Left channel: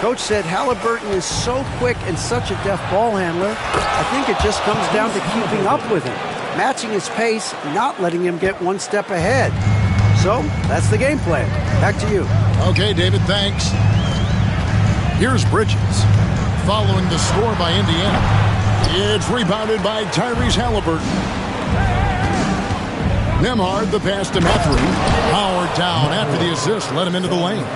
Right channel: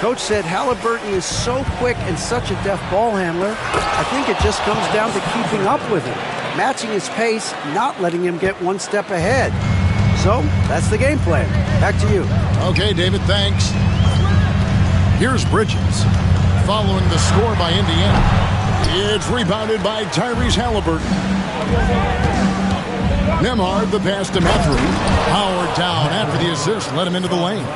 Coach said Halliburton is so quick and such a deft ball handler. I think it just comes down to keeping up with him, matching his pace, not letting him get one step ahead. So that's the game plan. Back to you. Okay, David, thanks. Here's Bridges. Following the score by Indiana. It's rebounded by Tyrese Halliburton. Nembhard, the pass to Mathurin. Howard down after the assist, let him into the lane.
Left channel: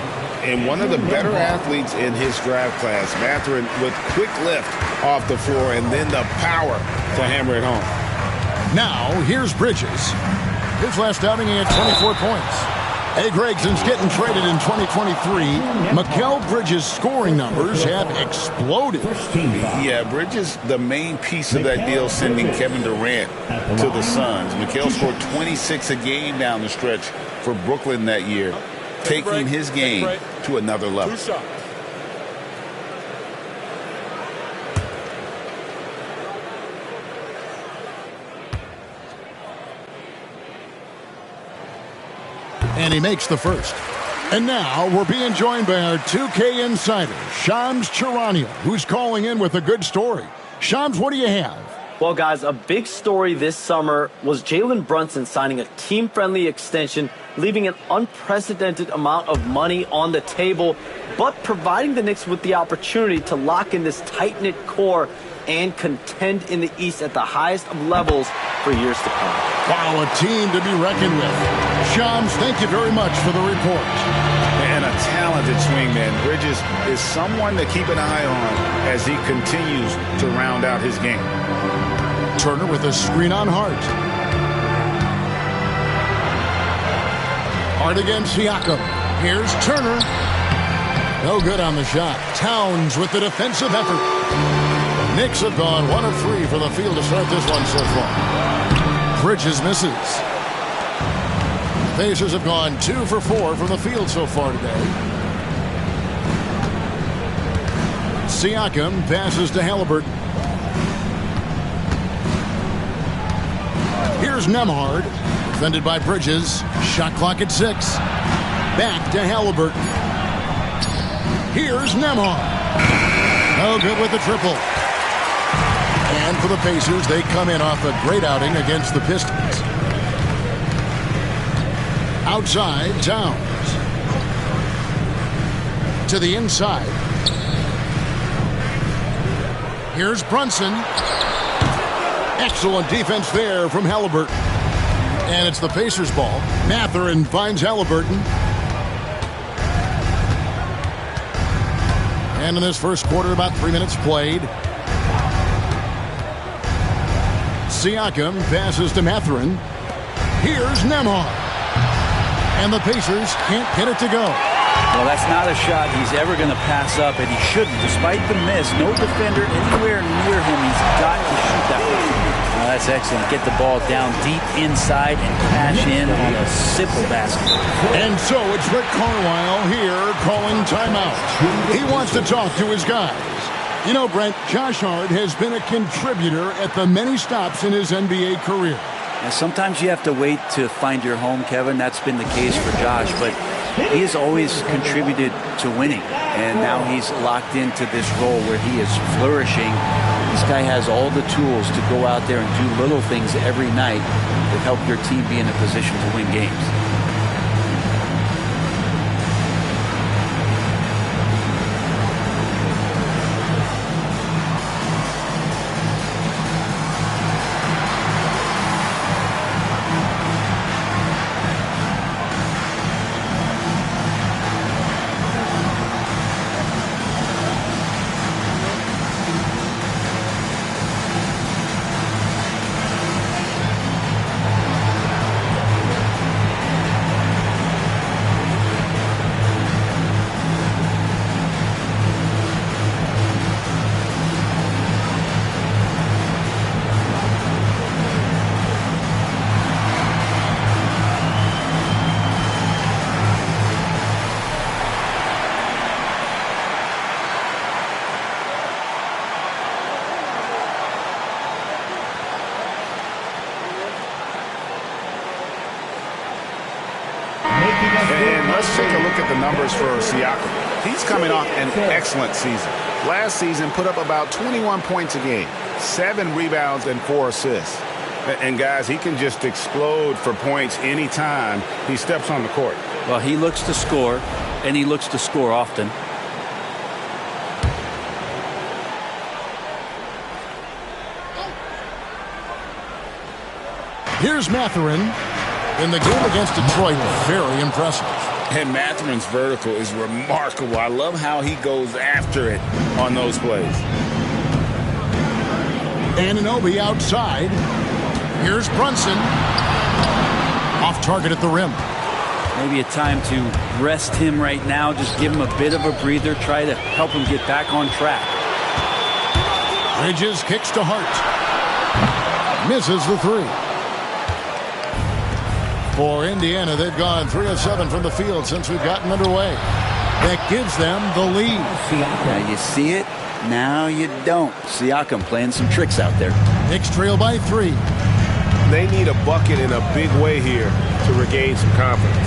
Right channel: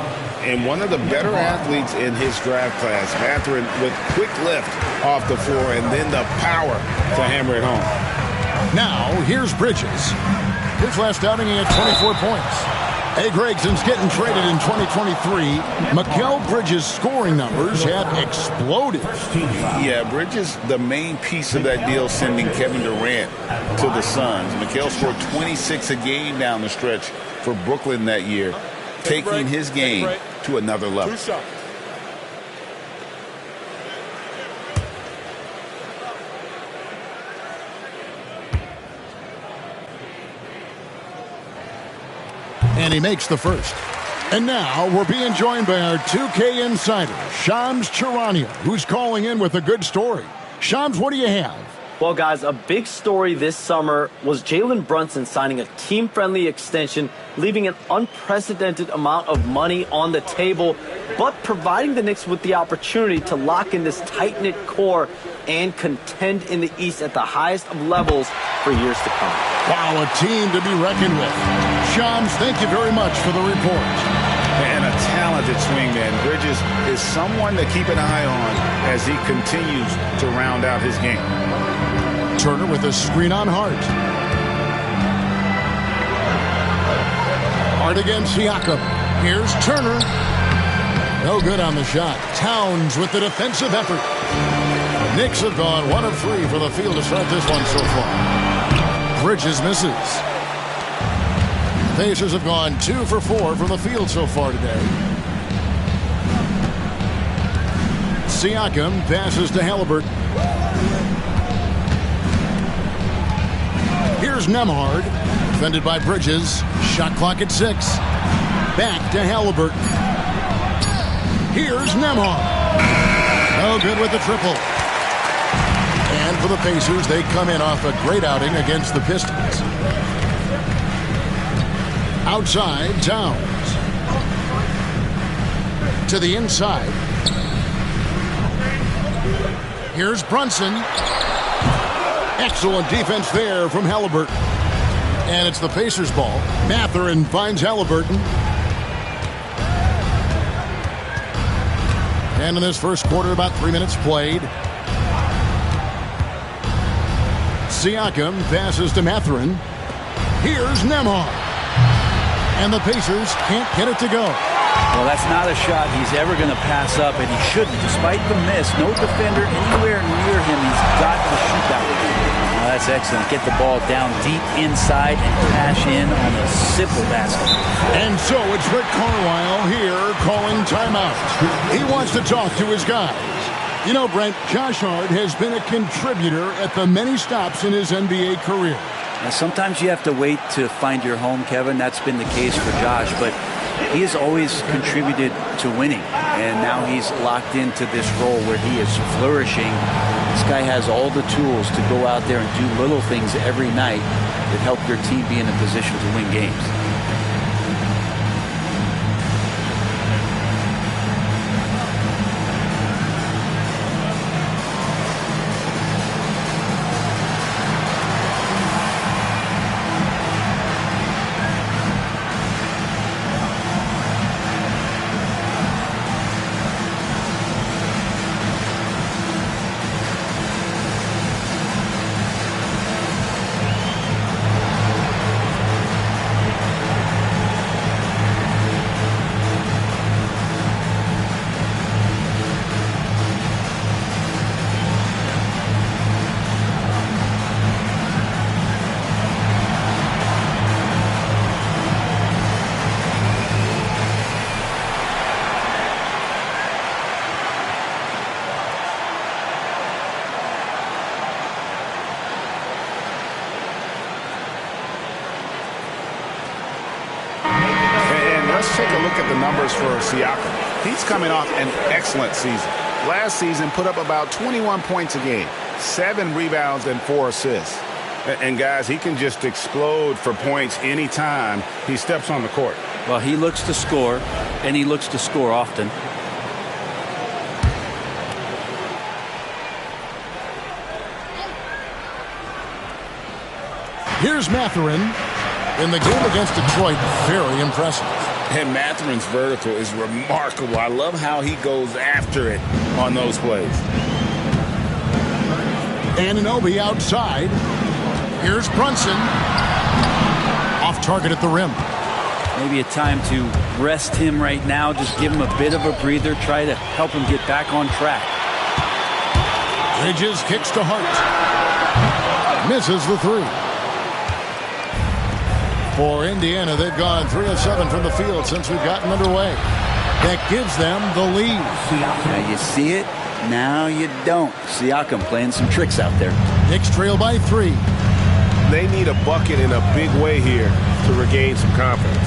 And one of the better athletes in his draft class, Mathurin, with quick lift off the floor and then the power to hammer it home. Now, here's Bridges. His last outing, he had 24 points. Hey, Gregson's getting traded in 2023. Mikal Bridges' scoring numbers have exploded. Yeah, Bridges, the main piece of that deal, sending Kevin Durant to the Suns. Mikal scored 26 a game down the stretch for Brooklyn that year, taking his game to another level. And he makes the first. And now we're being joined by our 2K insider, Shams Charania, who's calling in with a good story. Shams, what do you have? Well, guys, a big story this summer was Jalen Brunson signing a team-friendly extension, leaving an unprecedented amount of money on the table, but providing the Knicks with the opportunity to lock in this tight-knit core and contend in the East at the highest of levels for years to come. Wow, a team to be reckoned with. Shams, thank you very much for the report. And a talented swingman. Bridges is someone to keep an eye on as he continues to round out his game. Turner with a screen on Hart. Hart against Siakam. Here's Turner. No good on the shot. Towns with the defensive effort. Knicks have gone 1 of 3 from the field to start this one so far. Bridges misses. Pacers have gone 2 for 4 from the field so far today. Siakam passes to Halliburton. Here's Nembhard, defended by Bridges. Shot clock at 6. Back to Halliburton. Here's Nembhard. No good with the triple. And for the Pacers, they come in off a great outing against the Pistons. Outside, Towns. To the inside. Here's Brunson. Excellent defense there from Halliburton. And it's the Pacers' ball. Mathurin finds Halliburton. And in this first quarter, about 3 minutes played. Siakam passes to Mathurin. Here's Nembhard. And the Pacers can't get it to go. Well, that's not a shot he's ever going to pass up, and he shouldn't. Despite the miss, no defender anywhere near him. He's got to shoot that one. Well, that's excellent. Get the ball down deep inside and cash in on a simple basket. And so it's Rick Carlisle here calling timeout. He wants to talk to his guys. You know, Brent, Josh Hart has been a contributor at the many stops in his NBA career. Now, sometimes you have to wait to find your home, Kevin. That's been the case for Josh, but he has always contributed to winning, and now he's locked into this role where he is flourishing. This guy has all the tools to go out there and do little things every night that help your team be in a position to win games. And let's take a look at the numbers for Siakam. He's coming off an excellent season. Last season put up about 21 points a game, 7 rebounds and 4 assists. And guys, he can just explode for points anytime he steps on the court. Well, he looks to score, and he looks to score often. Here's Mathurin in the game against Detroit. Very impressive. And Mathurin's vertical is remarkable. I love how he goes after it on those plays. Anunoby outside. Here's Brunson. Off target at the rim. Maybe a time to rest him right now. Just give him a bit of a breather. Try to help him get back on track. Bridges kicks to Hart. Misses the 3. For Indiana, they've gone 3 of 7 from the field since we've gotten underway. That gives them the lead. Now you see it. Now you don't. Siakam playing some tricks out there. Knicks trail by 3. They need a bucket in a big way here to regain some confidence.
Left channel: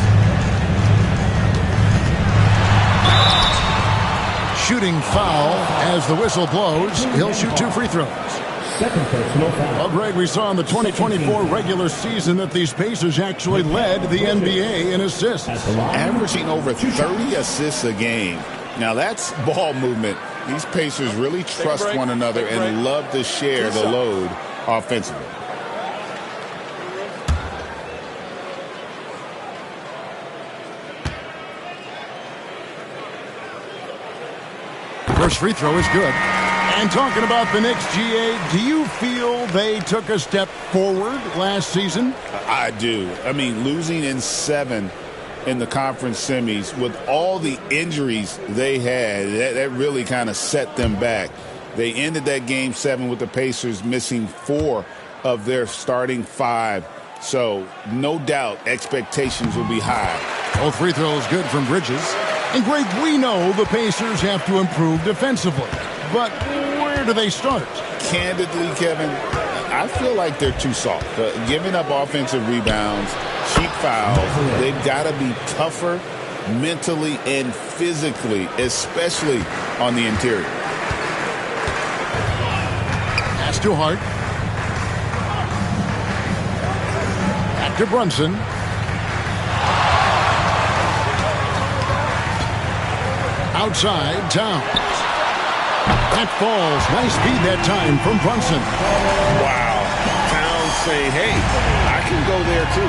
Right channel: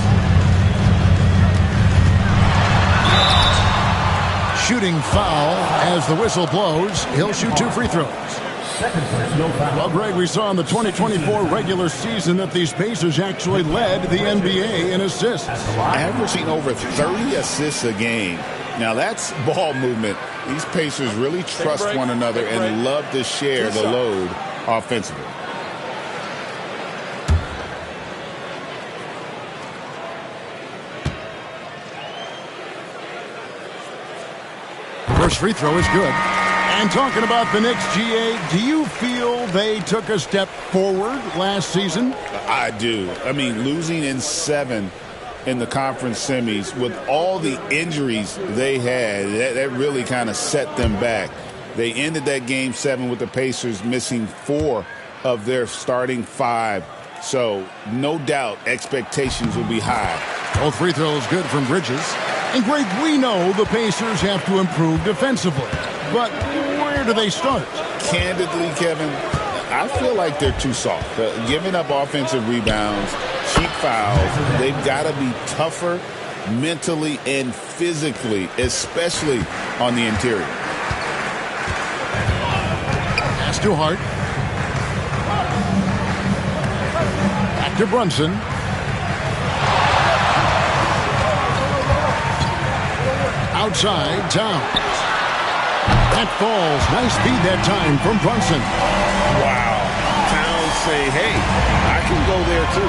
Shooting foul as the whistle blows. He'll shoot 2 free throws. Well, Greg, we saw in the 2024 regular season that these Pacers actually led the NBA in assists. Averaging over 30 assists a game. Now, that's ball movement. These Pacers really trust one another and love to share the load offensively. First free throw is good. And talking about the Knicks, GA, do you feel they took a step forward last season? I do. I mean, losing in 7 in the conference semis with all the injuries they had, that really kind of set them back. They ended that game 7 with the Pacers missing 4 of their starting 5. So no doubt expectations will be high. Both free throws good from Bridges. And Greg, we know the Pacers have to improve defensively. But where do they start? Candidly, Kevin, I feel like they're too soft. Giving up offensive rebounds, cheap fouls, they've got to be tougher mentally and physically, especially on the interior. Pass to Hart. Back to Brunson. Outside, Towns. That falls. Nice feed that time from Brunson. Wow. Towns saying, hey, I can go there too.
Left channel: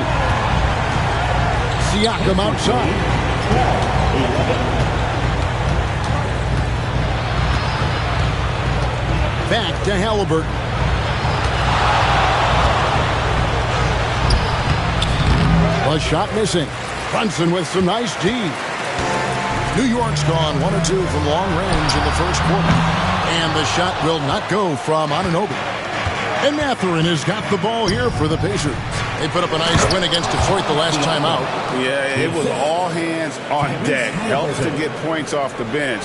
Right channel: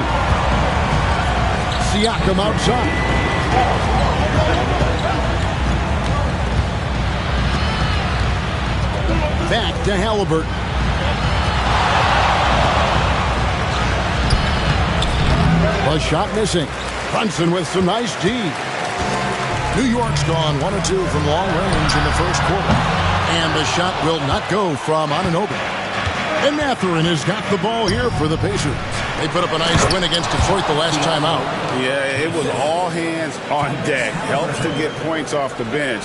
Siakam outside. Back to Halliburton. The shot missing. Brunson with some nice D. New York's gone 1 of 2 from long range in the first quarter. And the shot will not go from Anunoby. And Mathurin has got the ball here for the Pacers. They put up a nice win against Detroit the last time out. Yeah, it was all hands on deck. Helps to get points off the bench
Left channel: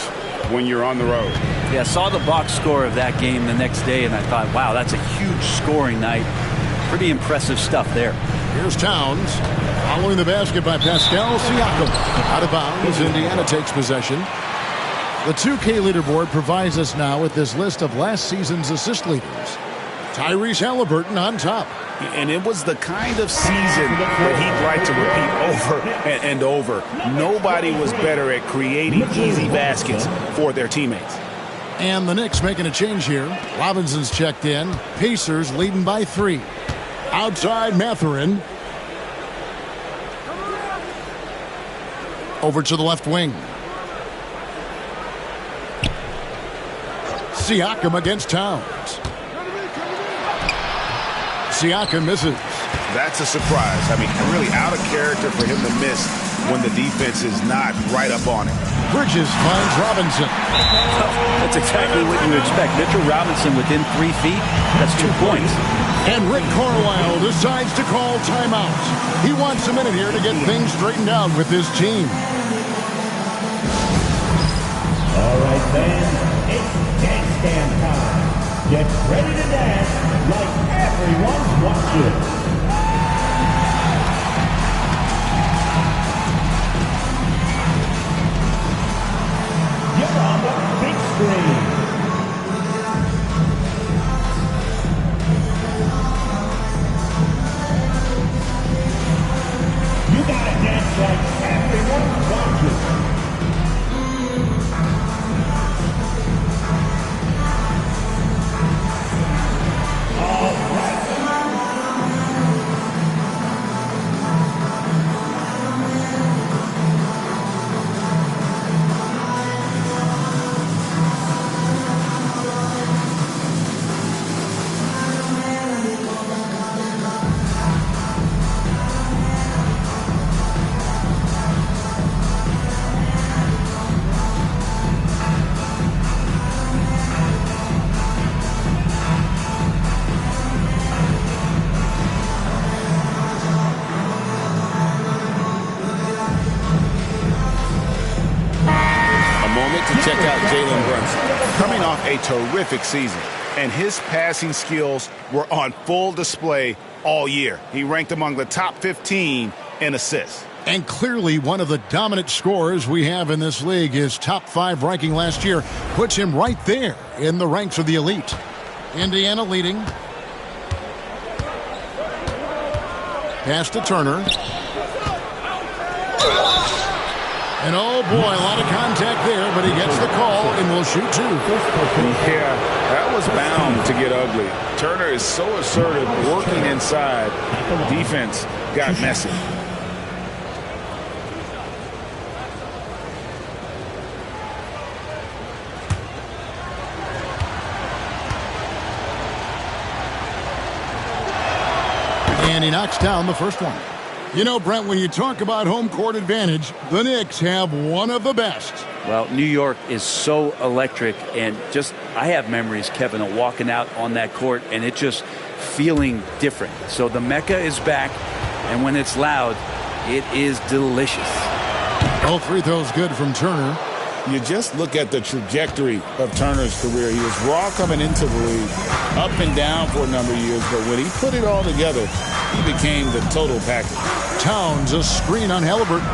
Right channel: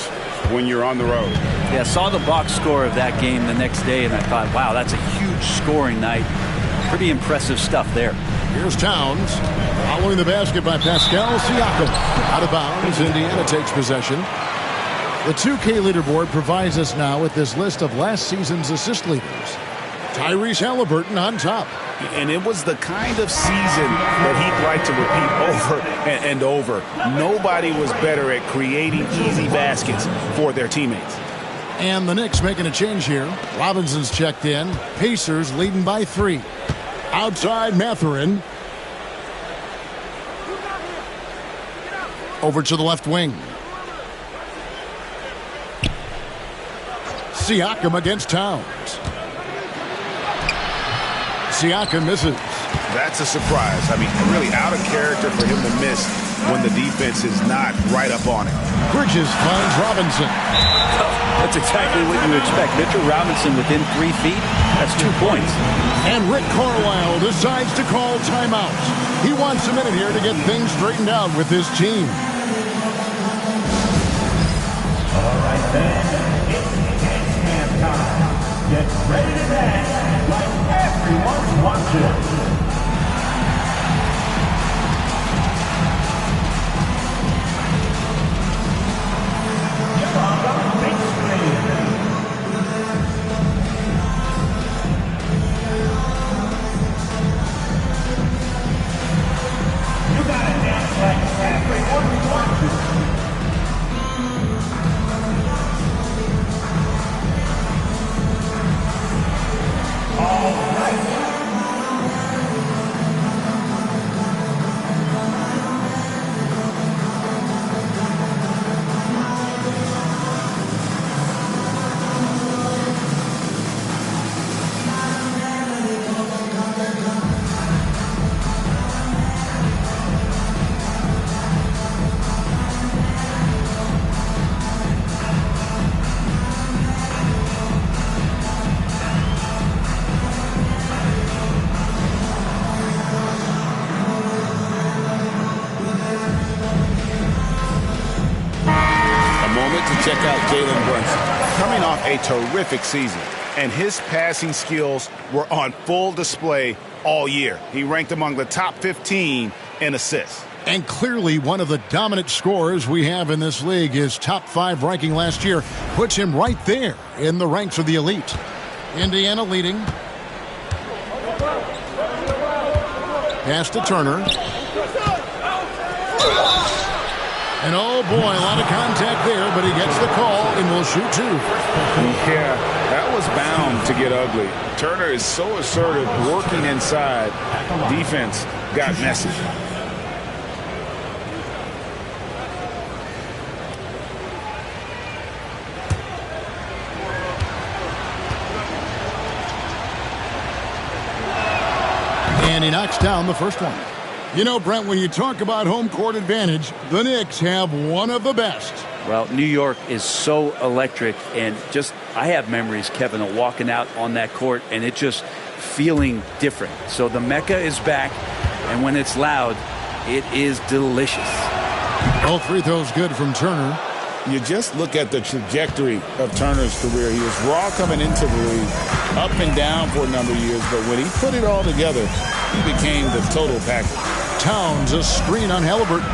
when you're on the road. Yeah, saw the box score of that game the next day, and I thought, wow, that's a huge scoring night. Pretty impressive stuff there. Here's Towns. Following the basket by Pascal Siakam. Out of bounds, Indiana takes possession. The 2K leaderboard provides us now with this list of last season's assist leaders. Tyrese Halliburton on top. And it was the kind of season that he'd like to repeat over and over. Nobody was better at creating easy baskets for their teammates. And the Knicks making a change here. Robinson's checked in. Pacers leading by 3. Outside Mathurin. Over to the left wing. Siakam against Towns. Siakam misses. That's a surprise. I mean, really out of character for him to miss when the defense is not right up on him. Bridges finds Robinson. Oh, that's exactly what you expect. Mitchell Robinson within 3 feet. That's 2 points. And Rick Carlisle decides to call timeout. He wants a minute here to get things straightened out with his team. All right, then, it's dance cam time. Get ready to dance like everyone's watching. Jalen Brunson. Coming off a terrific season, and his passing skills were on full display all year. He ranked among the top 15 in assists. And clearly one of the dominant scorers we have in this league. His top 5 ranking last year puts him right there in the ranks of the elite. Indiana leading. Pass to Turner. And oh boy, a lot of contact there, but he gets the call and will shoot 2. Yeah, that was bound to get ugly. Turner is so assertive, working inside. Defense got messy. And he knocks down the first one. You know, Brent, when you talk about home court advantage, the Knicks have one of the best. Well, New York is so electric, and just I have memories, Kevin, of walking out on that court and it just feeling different. So the Mecca is back, and when it's loud, it is delicious. All free throws good from Turner. You just look at the trajectory of Turner's career. He was raw coming into the league, up and down for a number of years, but when he put it all together, he became the total package. Towns, a screen on Halliburton.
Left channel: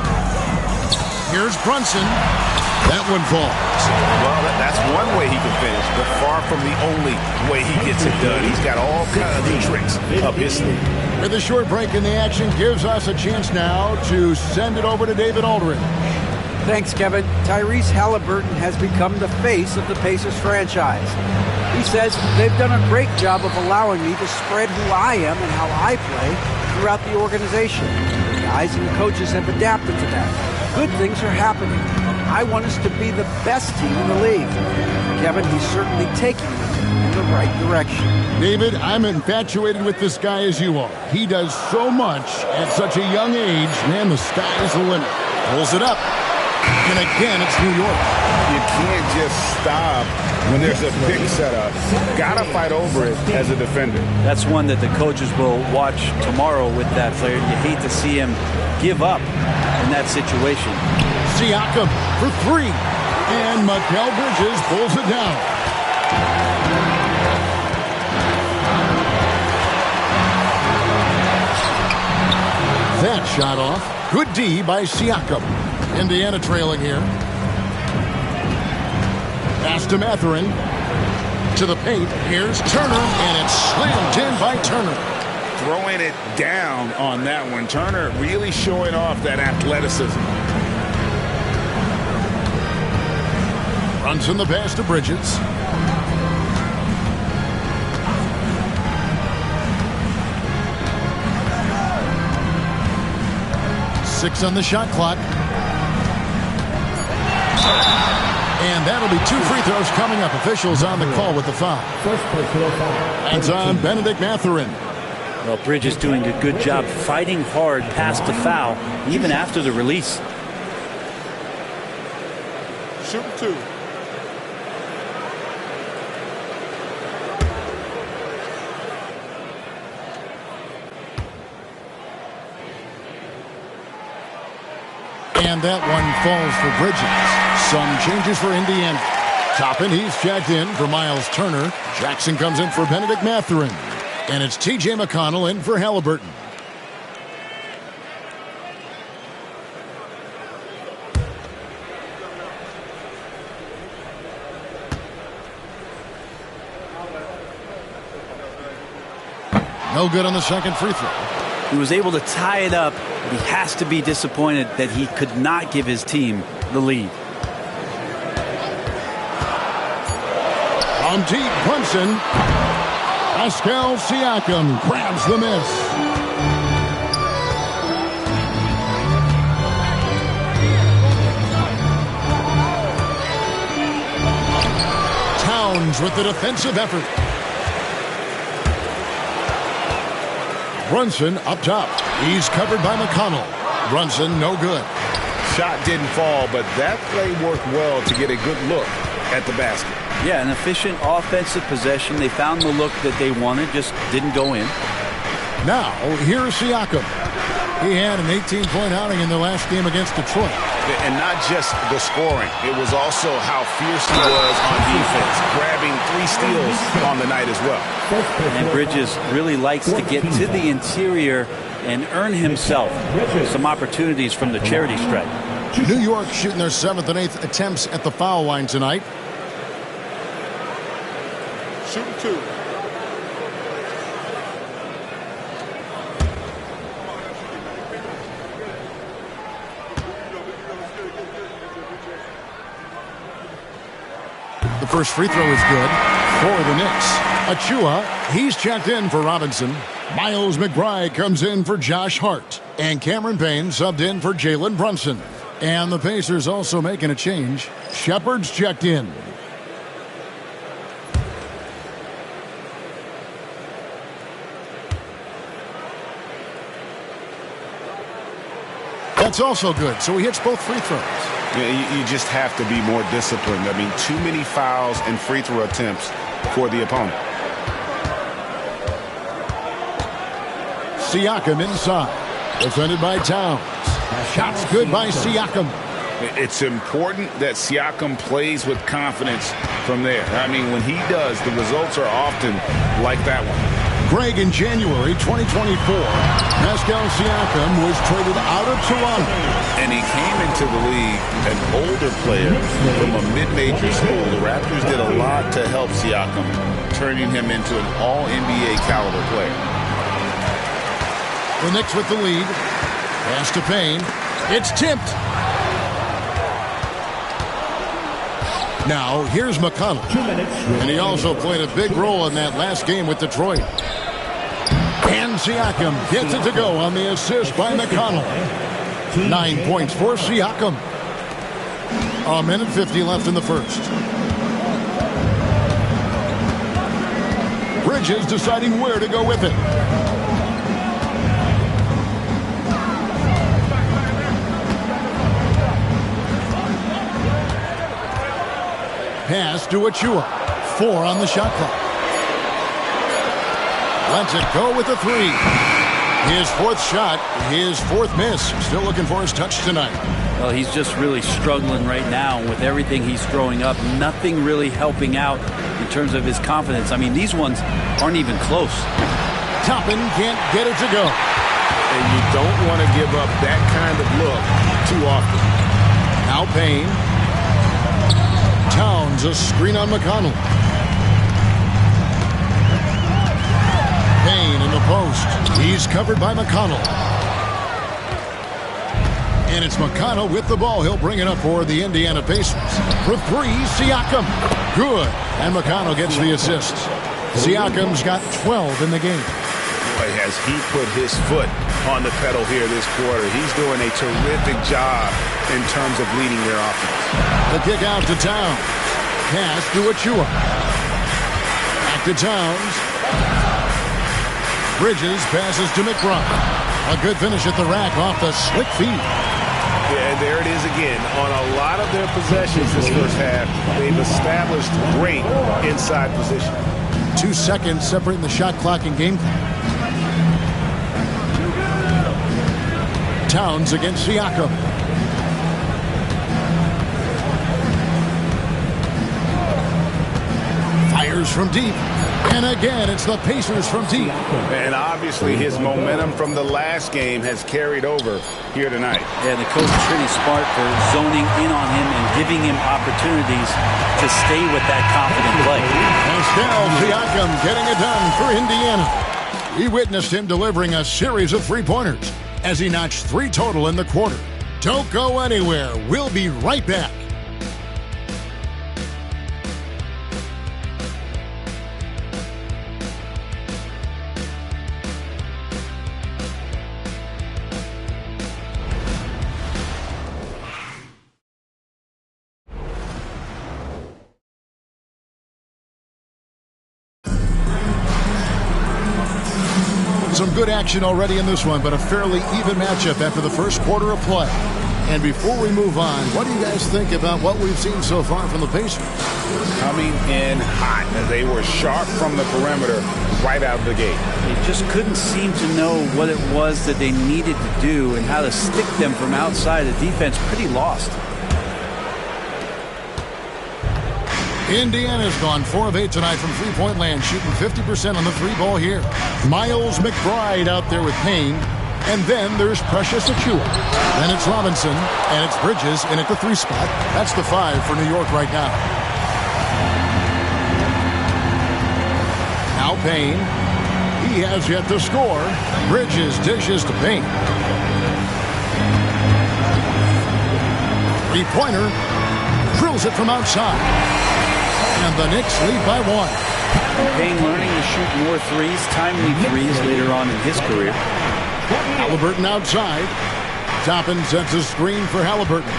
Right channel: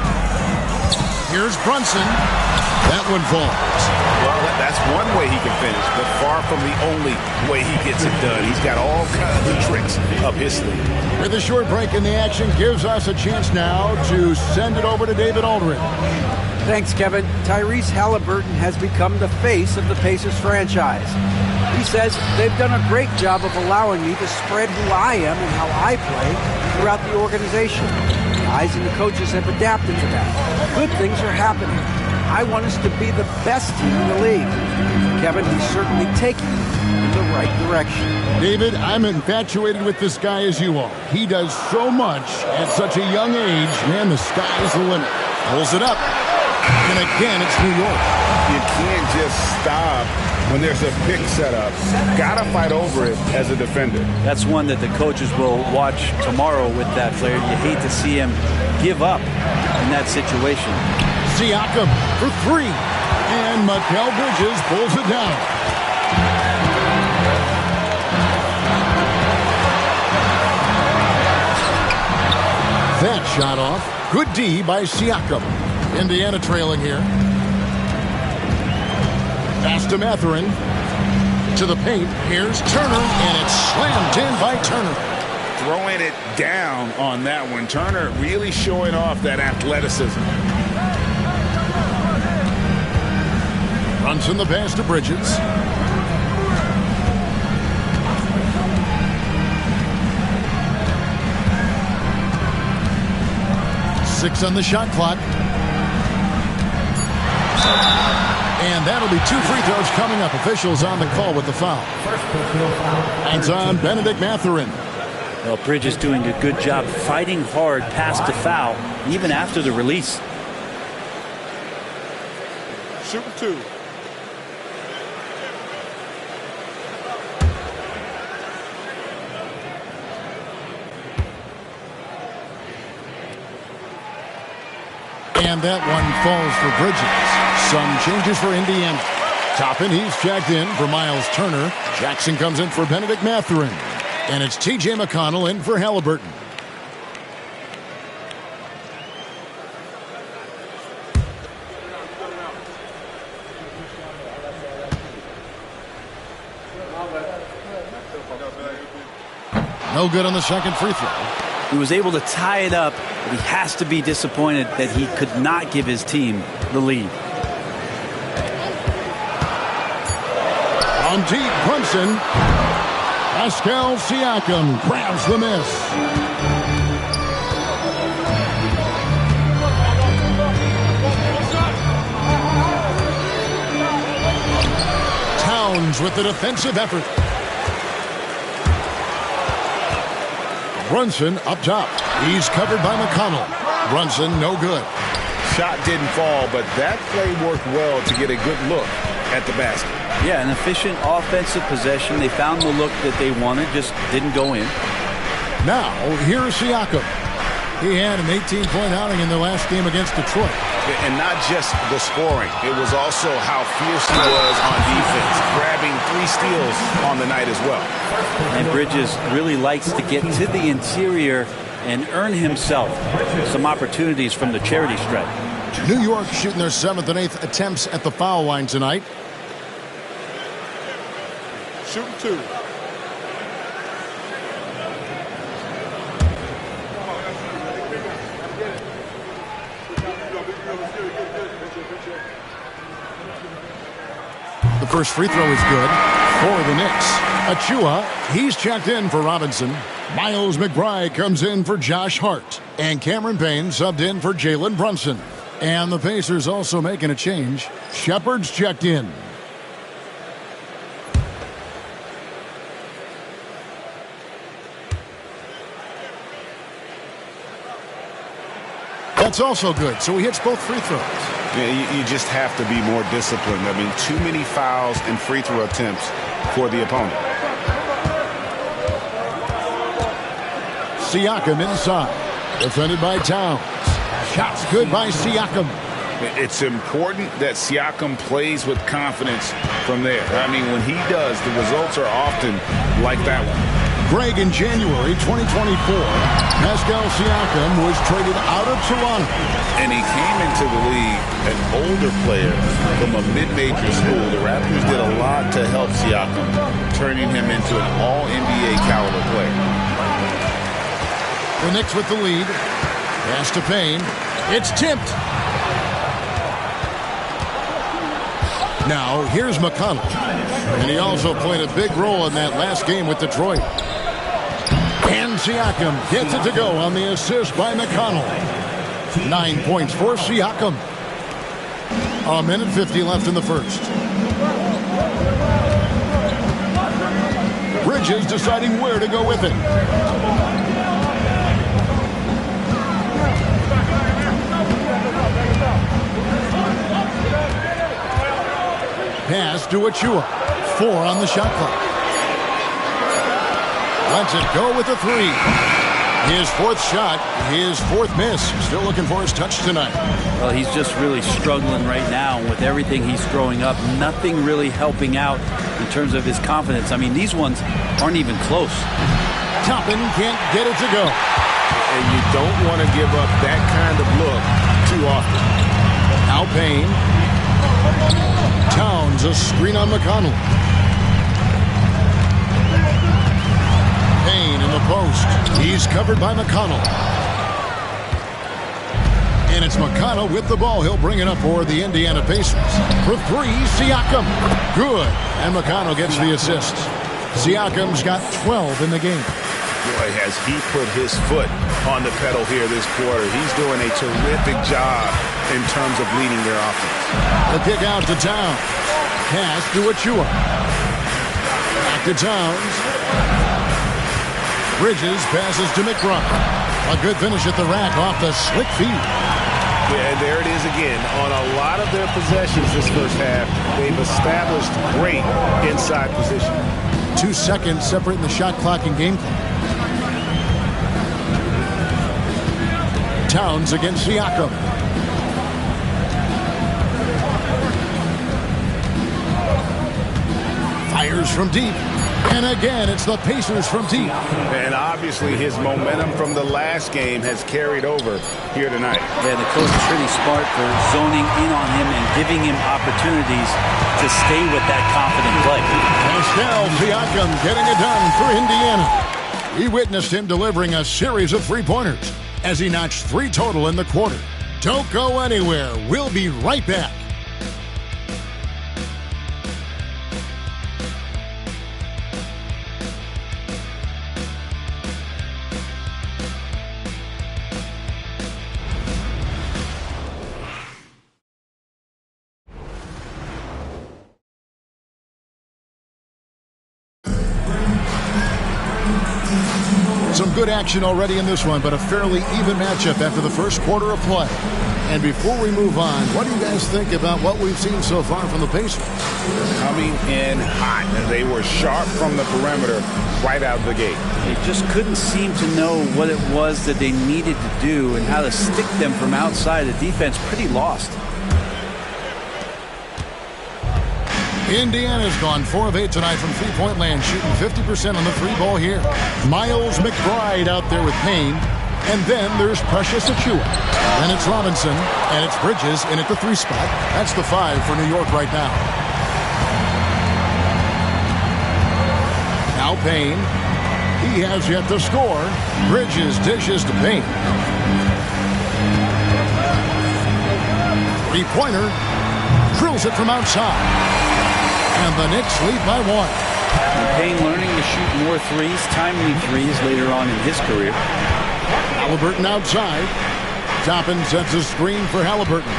Here's Brunson. That one falls. Well, that's one way he can finish, but far from the only way he gets it done. He's got all kinds of tricks up his sleeve. With a short break in the action, gives us a chance now to send it over to David Aldridge. Thanks, Kevin. Tyrese Halliburton has become the face of the Pacers franchise. He says they've done a great job of allowing me to spread who I am and how I play throughout the organization. The guys and the coaches have adapted to that. Good things are happening. I want us to be the best team in the league. Kevin, he's certainly taking them in the right direction. David, I'm infatuated with this guy as you are. He does so much at such a young age. Man, the sky is the limit. Pulls it up. And again, it's New York. You can't just stop when there's a pick set up. Gotta fight over it as a defender. That's one that the coaches will watch tomorrow with that player. You hate to see him give up in that situation. Siakam for 3. And Mikal Bridges pulls it down. That shot off. Good D by Siakam. Indiana trailing here. Pass to Mathurin. To the paint. Here's Turner, and it's slammed in by Turner. Throwing it down on that one. Turner really showing off that athleticism. Runs in the pass to Bridges. Six on the shot clock. And that'll be 2 free throws coming up. Officials on the call with the foul. Hands on Benedict Mathurin. Well, Bridges doing a good job fighting hard past the foul, even after the release. Shooting 2. And that one falls for Bridges. Some changes for Indiana. Toppin, he's checked in for Miles Turner. Jackson comes in for Benedict Mathurin. And it's T.J. McConnell in for Halliburton. No good on the second free throw. He was able to tie it up, but he has to be disappointed that he could not give his team the lead. On deep, Brunson. Pascal Siakam grabs the miss. Towns with the defensive effort. Brunson up top. He's covered by McConnell. Brunson no good. Shot didn't fall, but that play worked well to get a good look at the basket. Yeah, an efficient offensive possession. They found the look that they wanted, just didn't go in. Now, here's Siakam. He had an 18-point outing in the last game against Detroit. And not just the scoring. It was also how fierce he was on defense, grabbing 3 steals on the night as well. And Bridges really likes to get to the interior and earn himself some opportunities from the charity stripe. New York shooting their 7th and 8th attempts at the foul line tonight. Shooting 2. The first free throw is good for the Knicks. Achua, he's checked in for Robinson. Miles McBride comes in for Josh Hart. And Cameron Payne subbed in for Jalen Brunson. And the Pacers also making a change. Shepard's checked in. That's also good, so he hits both free throws. Yeah, you just have to be more disciplined. I mean, too many fouls and free throw attempts for the opponent. Siakam inside. Defended by Towns. Shots good by Siakam. It's important that Siakam plays with confidence from there. I mean, when he does, the results are often like that one. Greg, in January 2024, Pascal Siakam was traded out of Toronto. And he came into the league an older player from a mid-major school. The Raptors did a lot to help Siakam, turning him into an all-NBA caliber player. The Knicks with the lead. Pass to Payne. It's tipped. Now, here's McConnell. And he also played a big role in that last game with Detroit. And Siakam gets it to go on the assist by McConnell. 9 points for Siakam. 1:50 left in the first. Bridges deciding where to go with it. Pass to Achua. 4 on the shot clock. Lets it go with a 3. His 4th shot, his 4th miss. Still looking for his touch tonight. Well, he's just really struggling right now with everything he's throwing up. Nothing really helping out in terms of his confidence. I mean, these ones aren't even close. Toppin can't get it to go. And you don't want to give up that kind of look too often. Now Payne. Towns, a screen on McConnell. Payne in the post. He's covered by McConnell. And it's McConnell with the ball. He'll bring it up for the Indiana Pacers. For 3, Siakam. Good. And McConnell gets the assist. Siakam's got 12 in the game. Boy, has he put his foot on the pedal here this quarter. He's doing a terrific job in terms of leading their offense. The kick out to Towns. Pass to Achua. Back to Towns. Bridges passes to McBride. A good finish at the rack off the slick feed. Yeah, and there it is again. On a lot of their possessions this first half, they've established great inside position. 2 seconds separating the shot clock and game clock. Towns against Siakam. Fires from deep. And again, it's the Pacers from deep. And obviously his momentum from the last game has carried over here tonight. Yeah, the coach is pretty smart for zoning in on him and giving him opportunities to stay with that confident play. Pascal Siakam getting it done for Indiana. We witnessed him delivering a series of three-pointers as he notched 3 total in the quarter. Don't go anywhere. We'll be right back. Some good action already in this one, but a fairly even matchup after the first quarter of play. And before we move on, what do you guys think about what we've seen so far from the Pacers? Coming in hot. They were sharp from the perimeter right out of the gate. They just couldn't seem to know what it was that they needed to do and how to stick them from outside. The defense pretty lost. Indiana's gone 4 of 8 tonight from three-point land, shooting 50% on the three ball here. Miles McBride out there with Payne. And then there's Precious Achiuwa. Then it's Robinson, and it's Bridges in at the 3 spot. That's the 5 for New York right now. Now Payne. He has yet to score. Bridges dishes to Payne. Three-pointer. Drills it from outside. And the Knicks lead by 1. Payne learning to shoot more threes, timely threes later on in his career. Halliburton outside. Toppin sets a screen for Halliburton.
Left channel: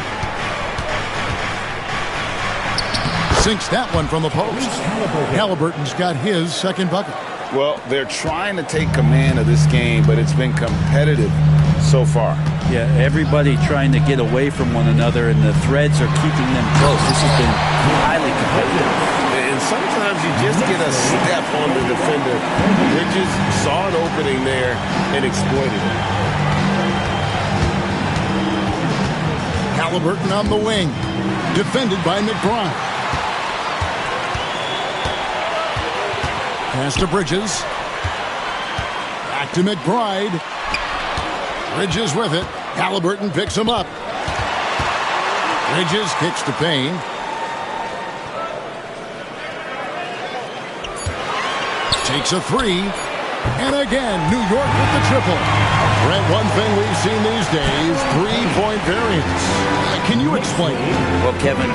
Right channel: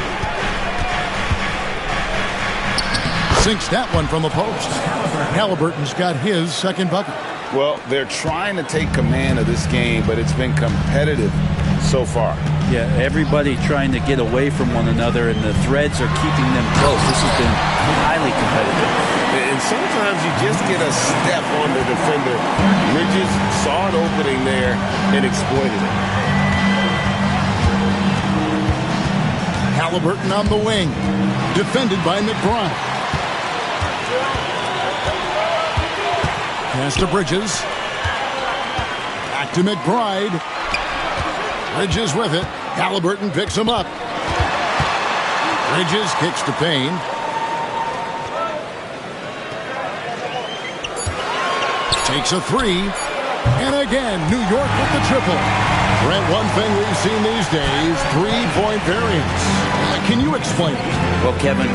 Sinks that one from the post. Halliburton's got his second bucket. Well, they're trying to take command of this game, but it's been competitive so far. Yeah, everybody trying to get away from one another, and the threads are keeping them close. This has been highly competitive. And sometimes you just get a step on the defender. Bridges saw an opening there and exploited it. Halliburton on the wing. Defended by McBride. Pass to Bridges. Back to McBride. Bridges with it. Halliburton picks him up. Bridges kicks to Payne. Takes a 3. And again, New York with the triple. Brent, one thing we've seen these days, 3-point variance. Can you explain it? Well, Kevin,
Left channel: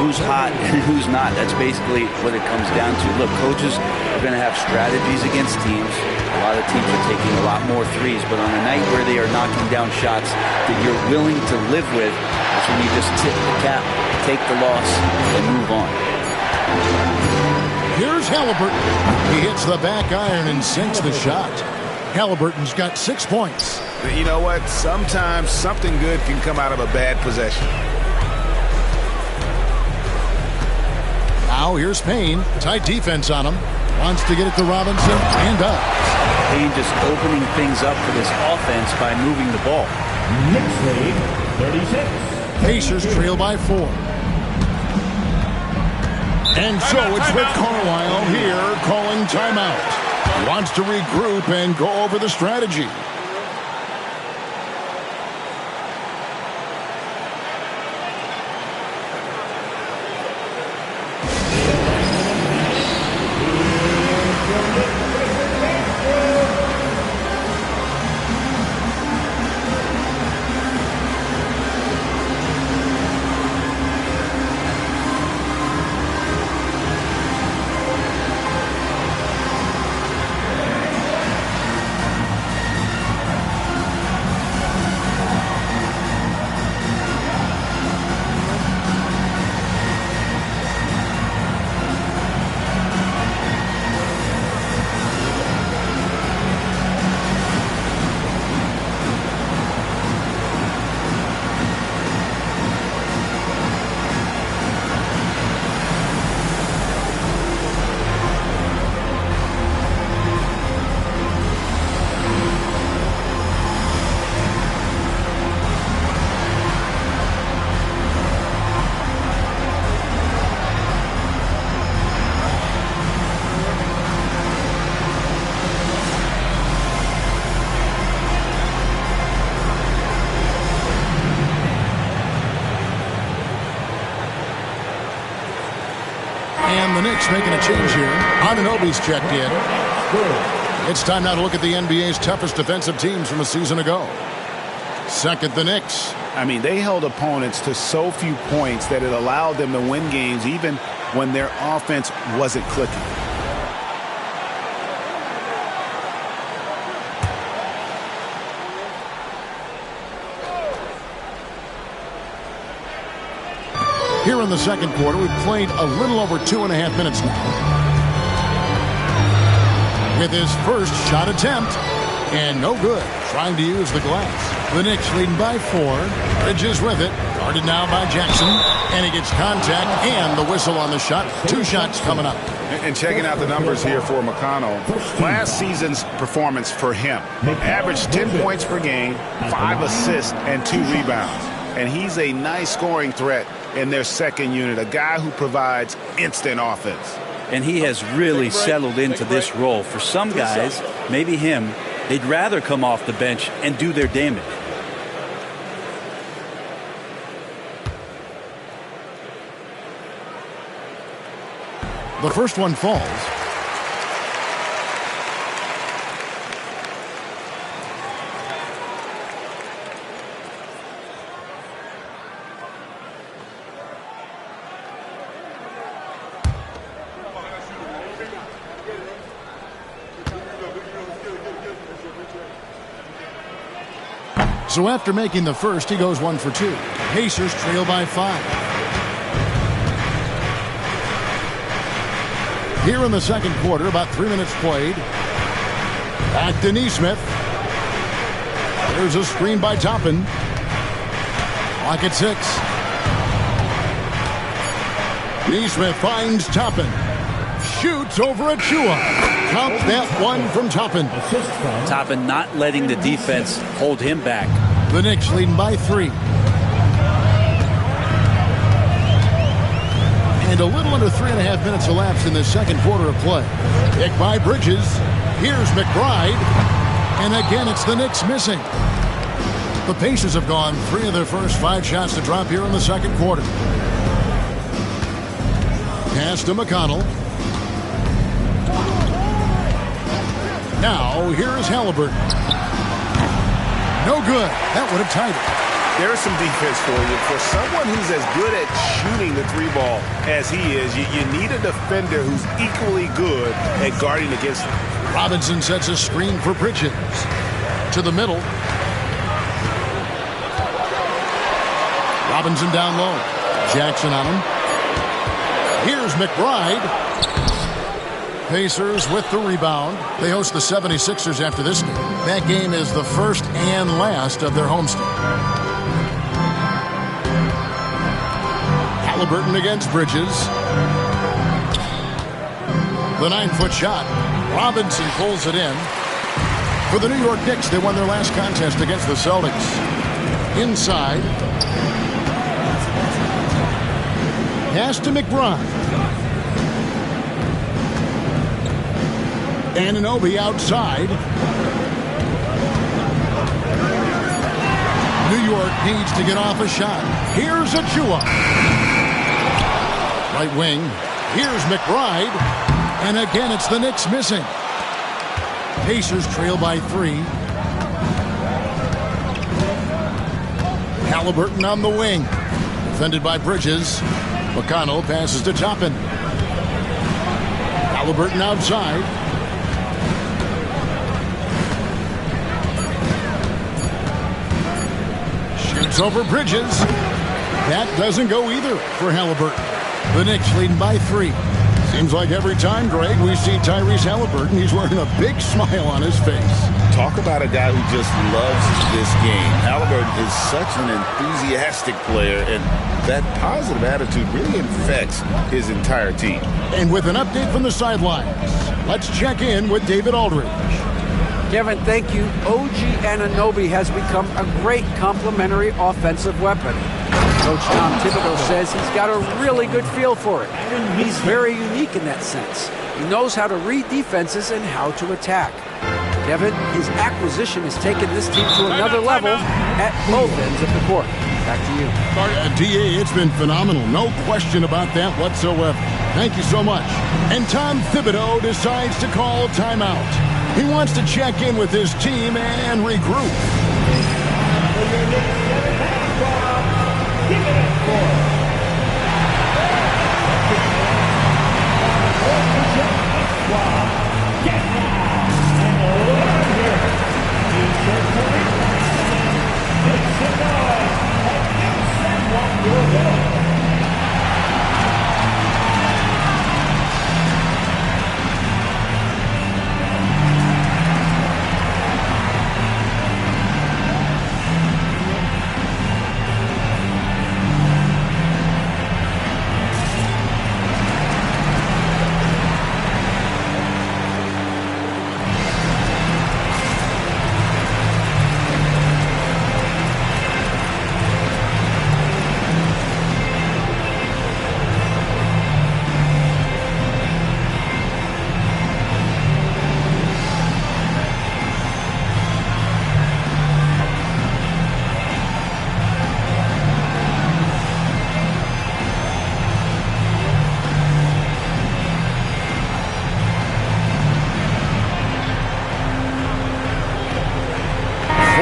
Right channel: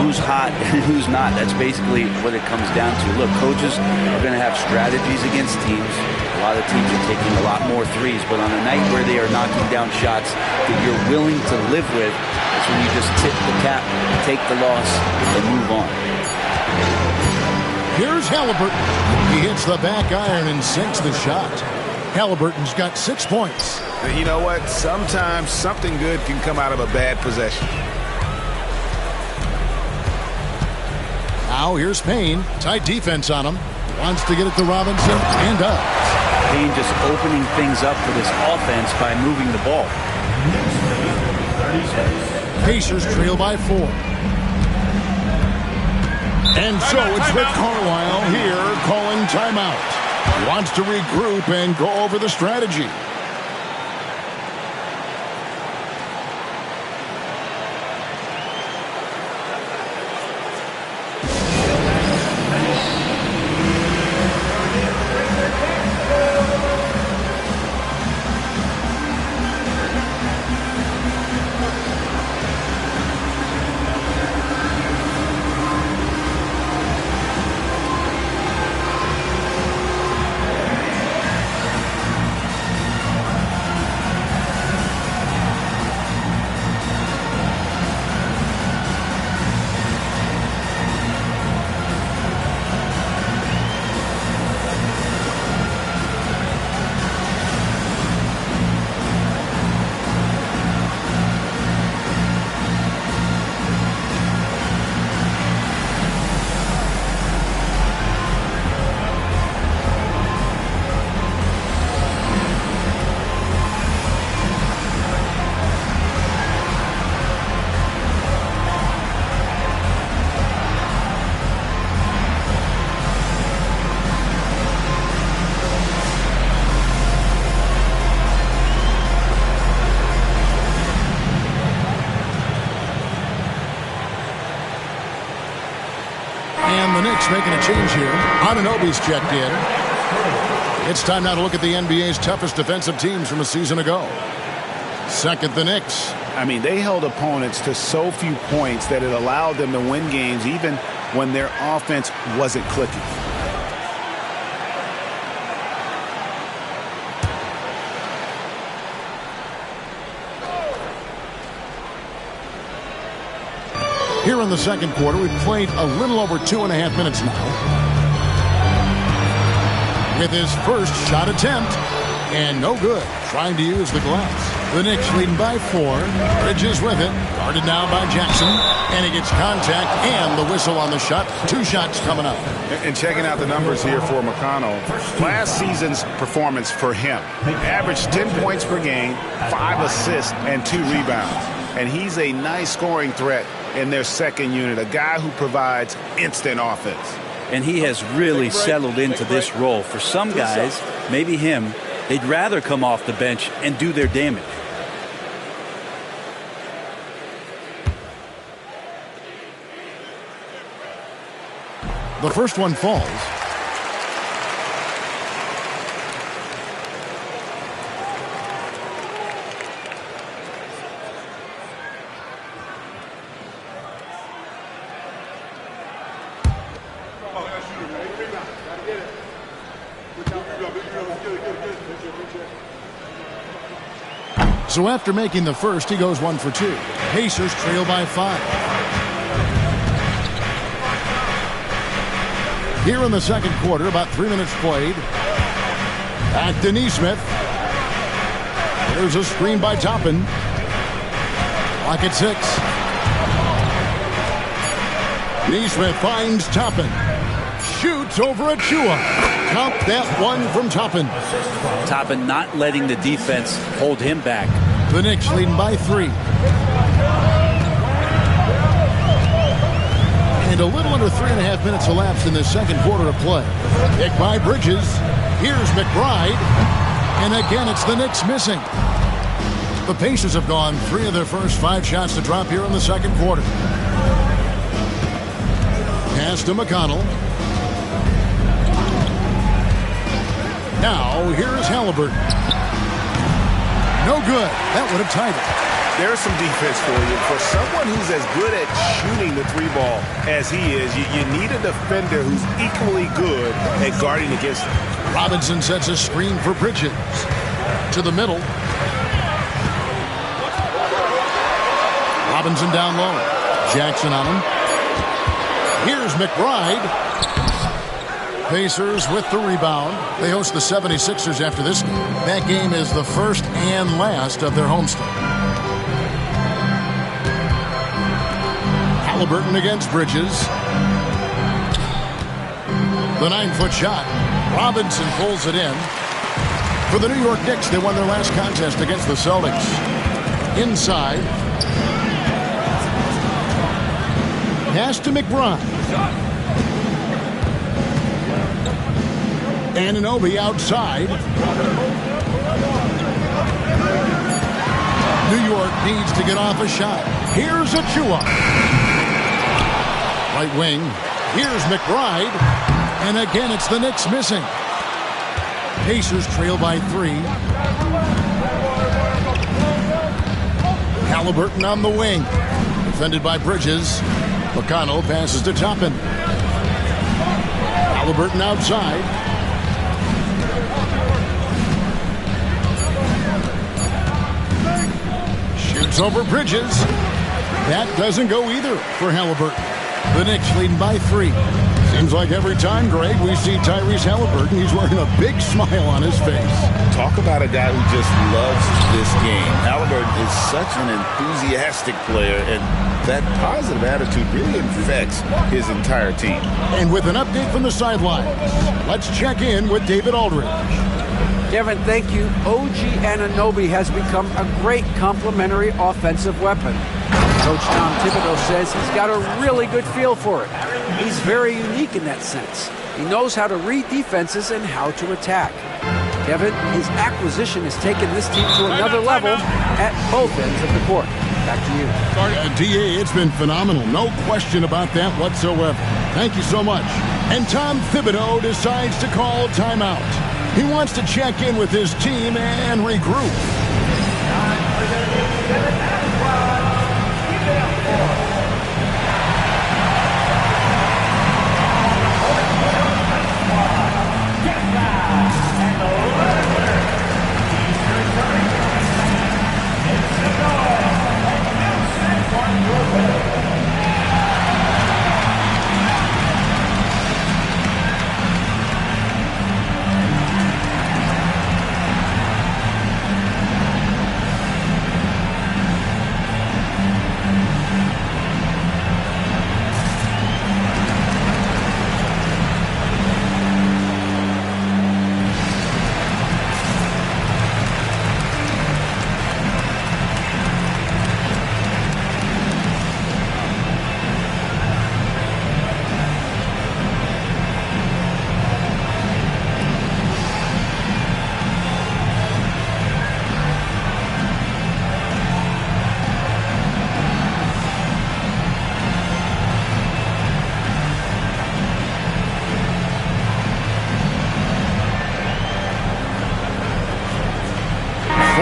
who's hot and who's not? That's basically what it comes down to. Look, coaches are going to have strategies against teams. A lot of teams are taking a lot more threes, but on a night where they are knocking down shots that you're willing to live with, that's when you just tip the cap, take the loss, and move on. Here's Halliburton. He hits the back iron and sinks the shot. Halliburton's got 6 points. You know what? Sometimes something good can come out of a bad possession. Now here's Payne. Tight defense on him. Wants to get it to Robinson and does. Payne just opening things up for this offense by moving the ball. Knicks lead 36. Pacers trail by 4. And so it's Rick Carlisle here calling timeout. He wants to regroup and go over the strategy. And the Knicks making a change here. Anunoby's checked in. It's time now to look at the NBA's toughest defensive teams from a season ago. Second, the Knicks. I mean, they held opponents to so few points that it allowed them to win games even when their offense wasn't clicking. Here in the second quarter, we've played a little over 2.5 minutes now. With his first shot attempt, And no good, trying to use the glass. The Knicks leading by 4. Bridges with it. Guarded now by Jackson. And he gets contact and the whistle on the shot. 2 shots coming up. And checking out the numbers here for McConnell. Last season's performance for him. Averaged 10 points per game, 5 assists, and 2 rebounds. And he's a nice scoring threat in their second unit. A guy who provides instant offense. And he has really settled into this role. For some guys, maybe him, they'd rather come off the bench and do their damage. The first one falls. So after making the first, he goes 1 for 2. Pacers trail by 5. Here in the second quarter, about 3 minutes played. Back to Nesmith. There's a screen by Toppin. Clock at 6. Nesmith finds Toppin. Shoots over Achua. Count that one from Toppin. Toppin not letting the defense hold him back. The Knicks leading by 3. And a little under 3.5 minutes elapsed in the second quarter of play. Pick by Bridges. Here's McBride. And again, it's the Knicks missing. The Pacers have gone 3 of their first 5 shots to drop here in the second quarter. Pass to McConnell. Now, here is Halliburton. No good. That would have tied it. There's some defense for you. For someone who's as good at shooting the 3 ball as he is, you need a defender who's equally good at guarding against him. Robinson sets a screen for Bridges. To the middle. Robinson down low. Jackson on him. Here's McBride. Pacers with the rebound. They host the 76ers after this game. That game is the first and last of their homestand. Halliburton against Bridges. The 9-foot shot. Robinson pulls it in. For the New York Knicks, they won their last contest against the Celtics. Inside. Pass to McBride. Anunoby outside. New York needs to get off a shot. Here's Achua. Right wing. Here's McBride. And again, it's the Knicks missing. Pacers trail by 3. Halliburton on the wing. Defended by Bridges. McConnell passes to Toppin. Halliburton outside. Shoots over Bridges. That doesn't go either for Halliburton. The Knicks leading by 3. Seems like every time, Greg, we see Tyrese Halliburton, he's wearing a big smile on his face. Talk about a guy who just loves this game. Halliburton is such an enthusiastic player, and that positive attitude really infects his entire team. And with an update from the sidelines, let's check in with David Aldridge. Kevin, thank you. OG Anunoby has become a great complementary offensive weapon. Coach Tom Thibodeau says he's got a really good feel for it. He's very unique in that sense. He knows how to read defenses and how to attack. Kevin, his acquisition has taken this team to another level at both ends of the court. Back to you. DA, it's been phenomenal. No question about that whatsoever. Thank you so much. And Tom Thibodeau decides to call timeout. He wants to check in with his team and regroup.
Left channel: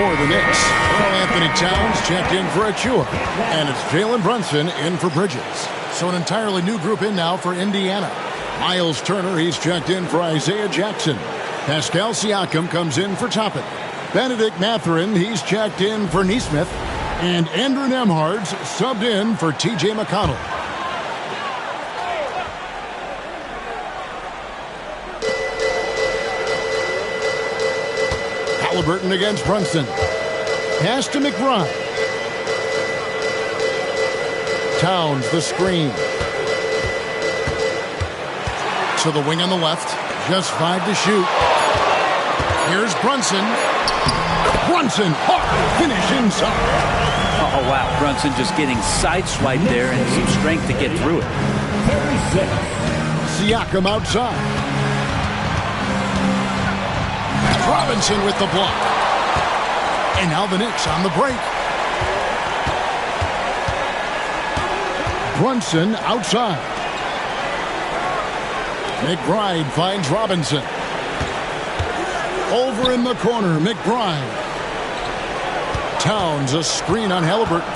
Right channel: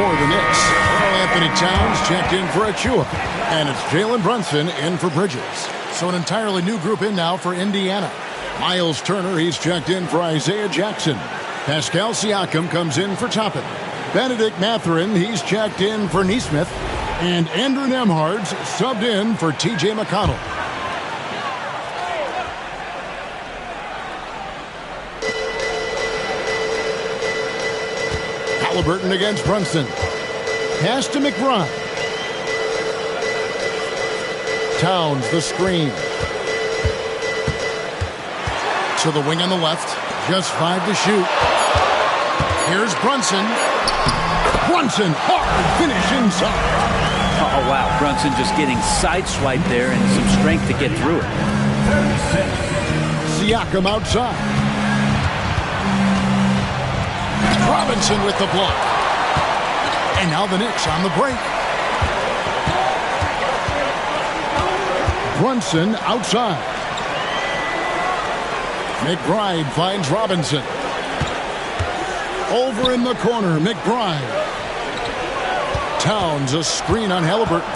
For the Knicks, Karl Anthony Towns checked in for Achua. And it's Jalen Brunson in for Bridges. So an entirely new group in now for Indiana. Miles Turner, he's checked in for Isaiah Jackson. Pascal Siakam comes in for Toppin. Benedict Mathurin, he's checked in for Nesmith. And Andrew Nembhard's subbed in for T.J. McConnell. Halliburton against Brunson. Pass to McBride. Towns, the screen. To the wing on the left. Just 5 to shoot. Here's Brunson. Brunson, hard finish inside. Oh, wow. Brunson just getting sideswiped there and some strength to get through it. 36. Siakam outside. Robinson with the block. And now the Knicks on the break. Brunson outside. McBride finds Robinson. Over in the corner, McBride. Towns, a screen on Halliburton.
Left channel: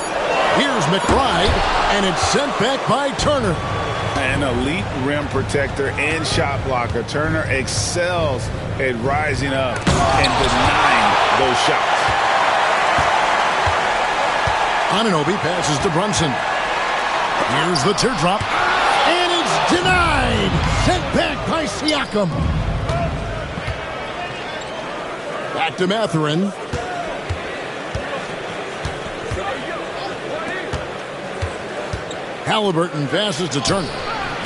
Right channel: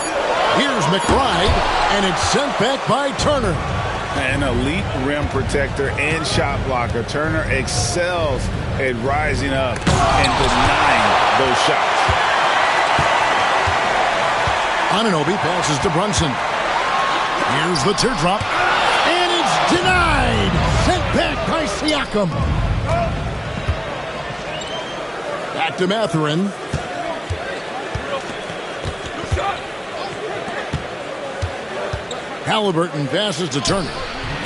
Here's McBride, and it's sent back by Turner. An elite rim protector and shot blocker. Turner excels at rising up and denying those shots. Anunoby passes to Brunson. Here's the teardrop. And it's denied. Sent back by Siakam. Back to Mathurin. Halliburton passes to Turner.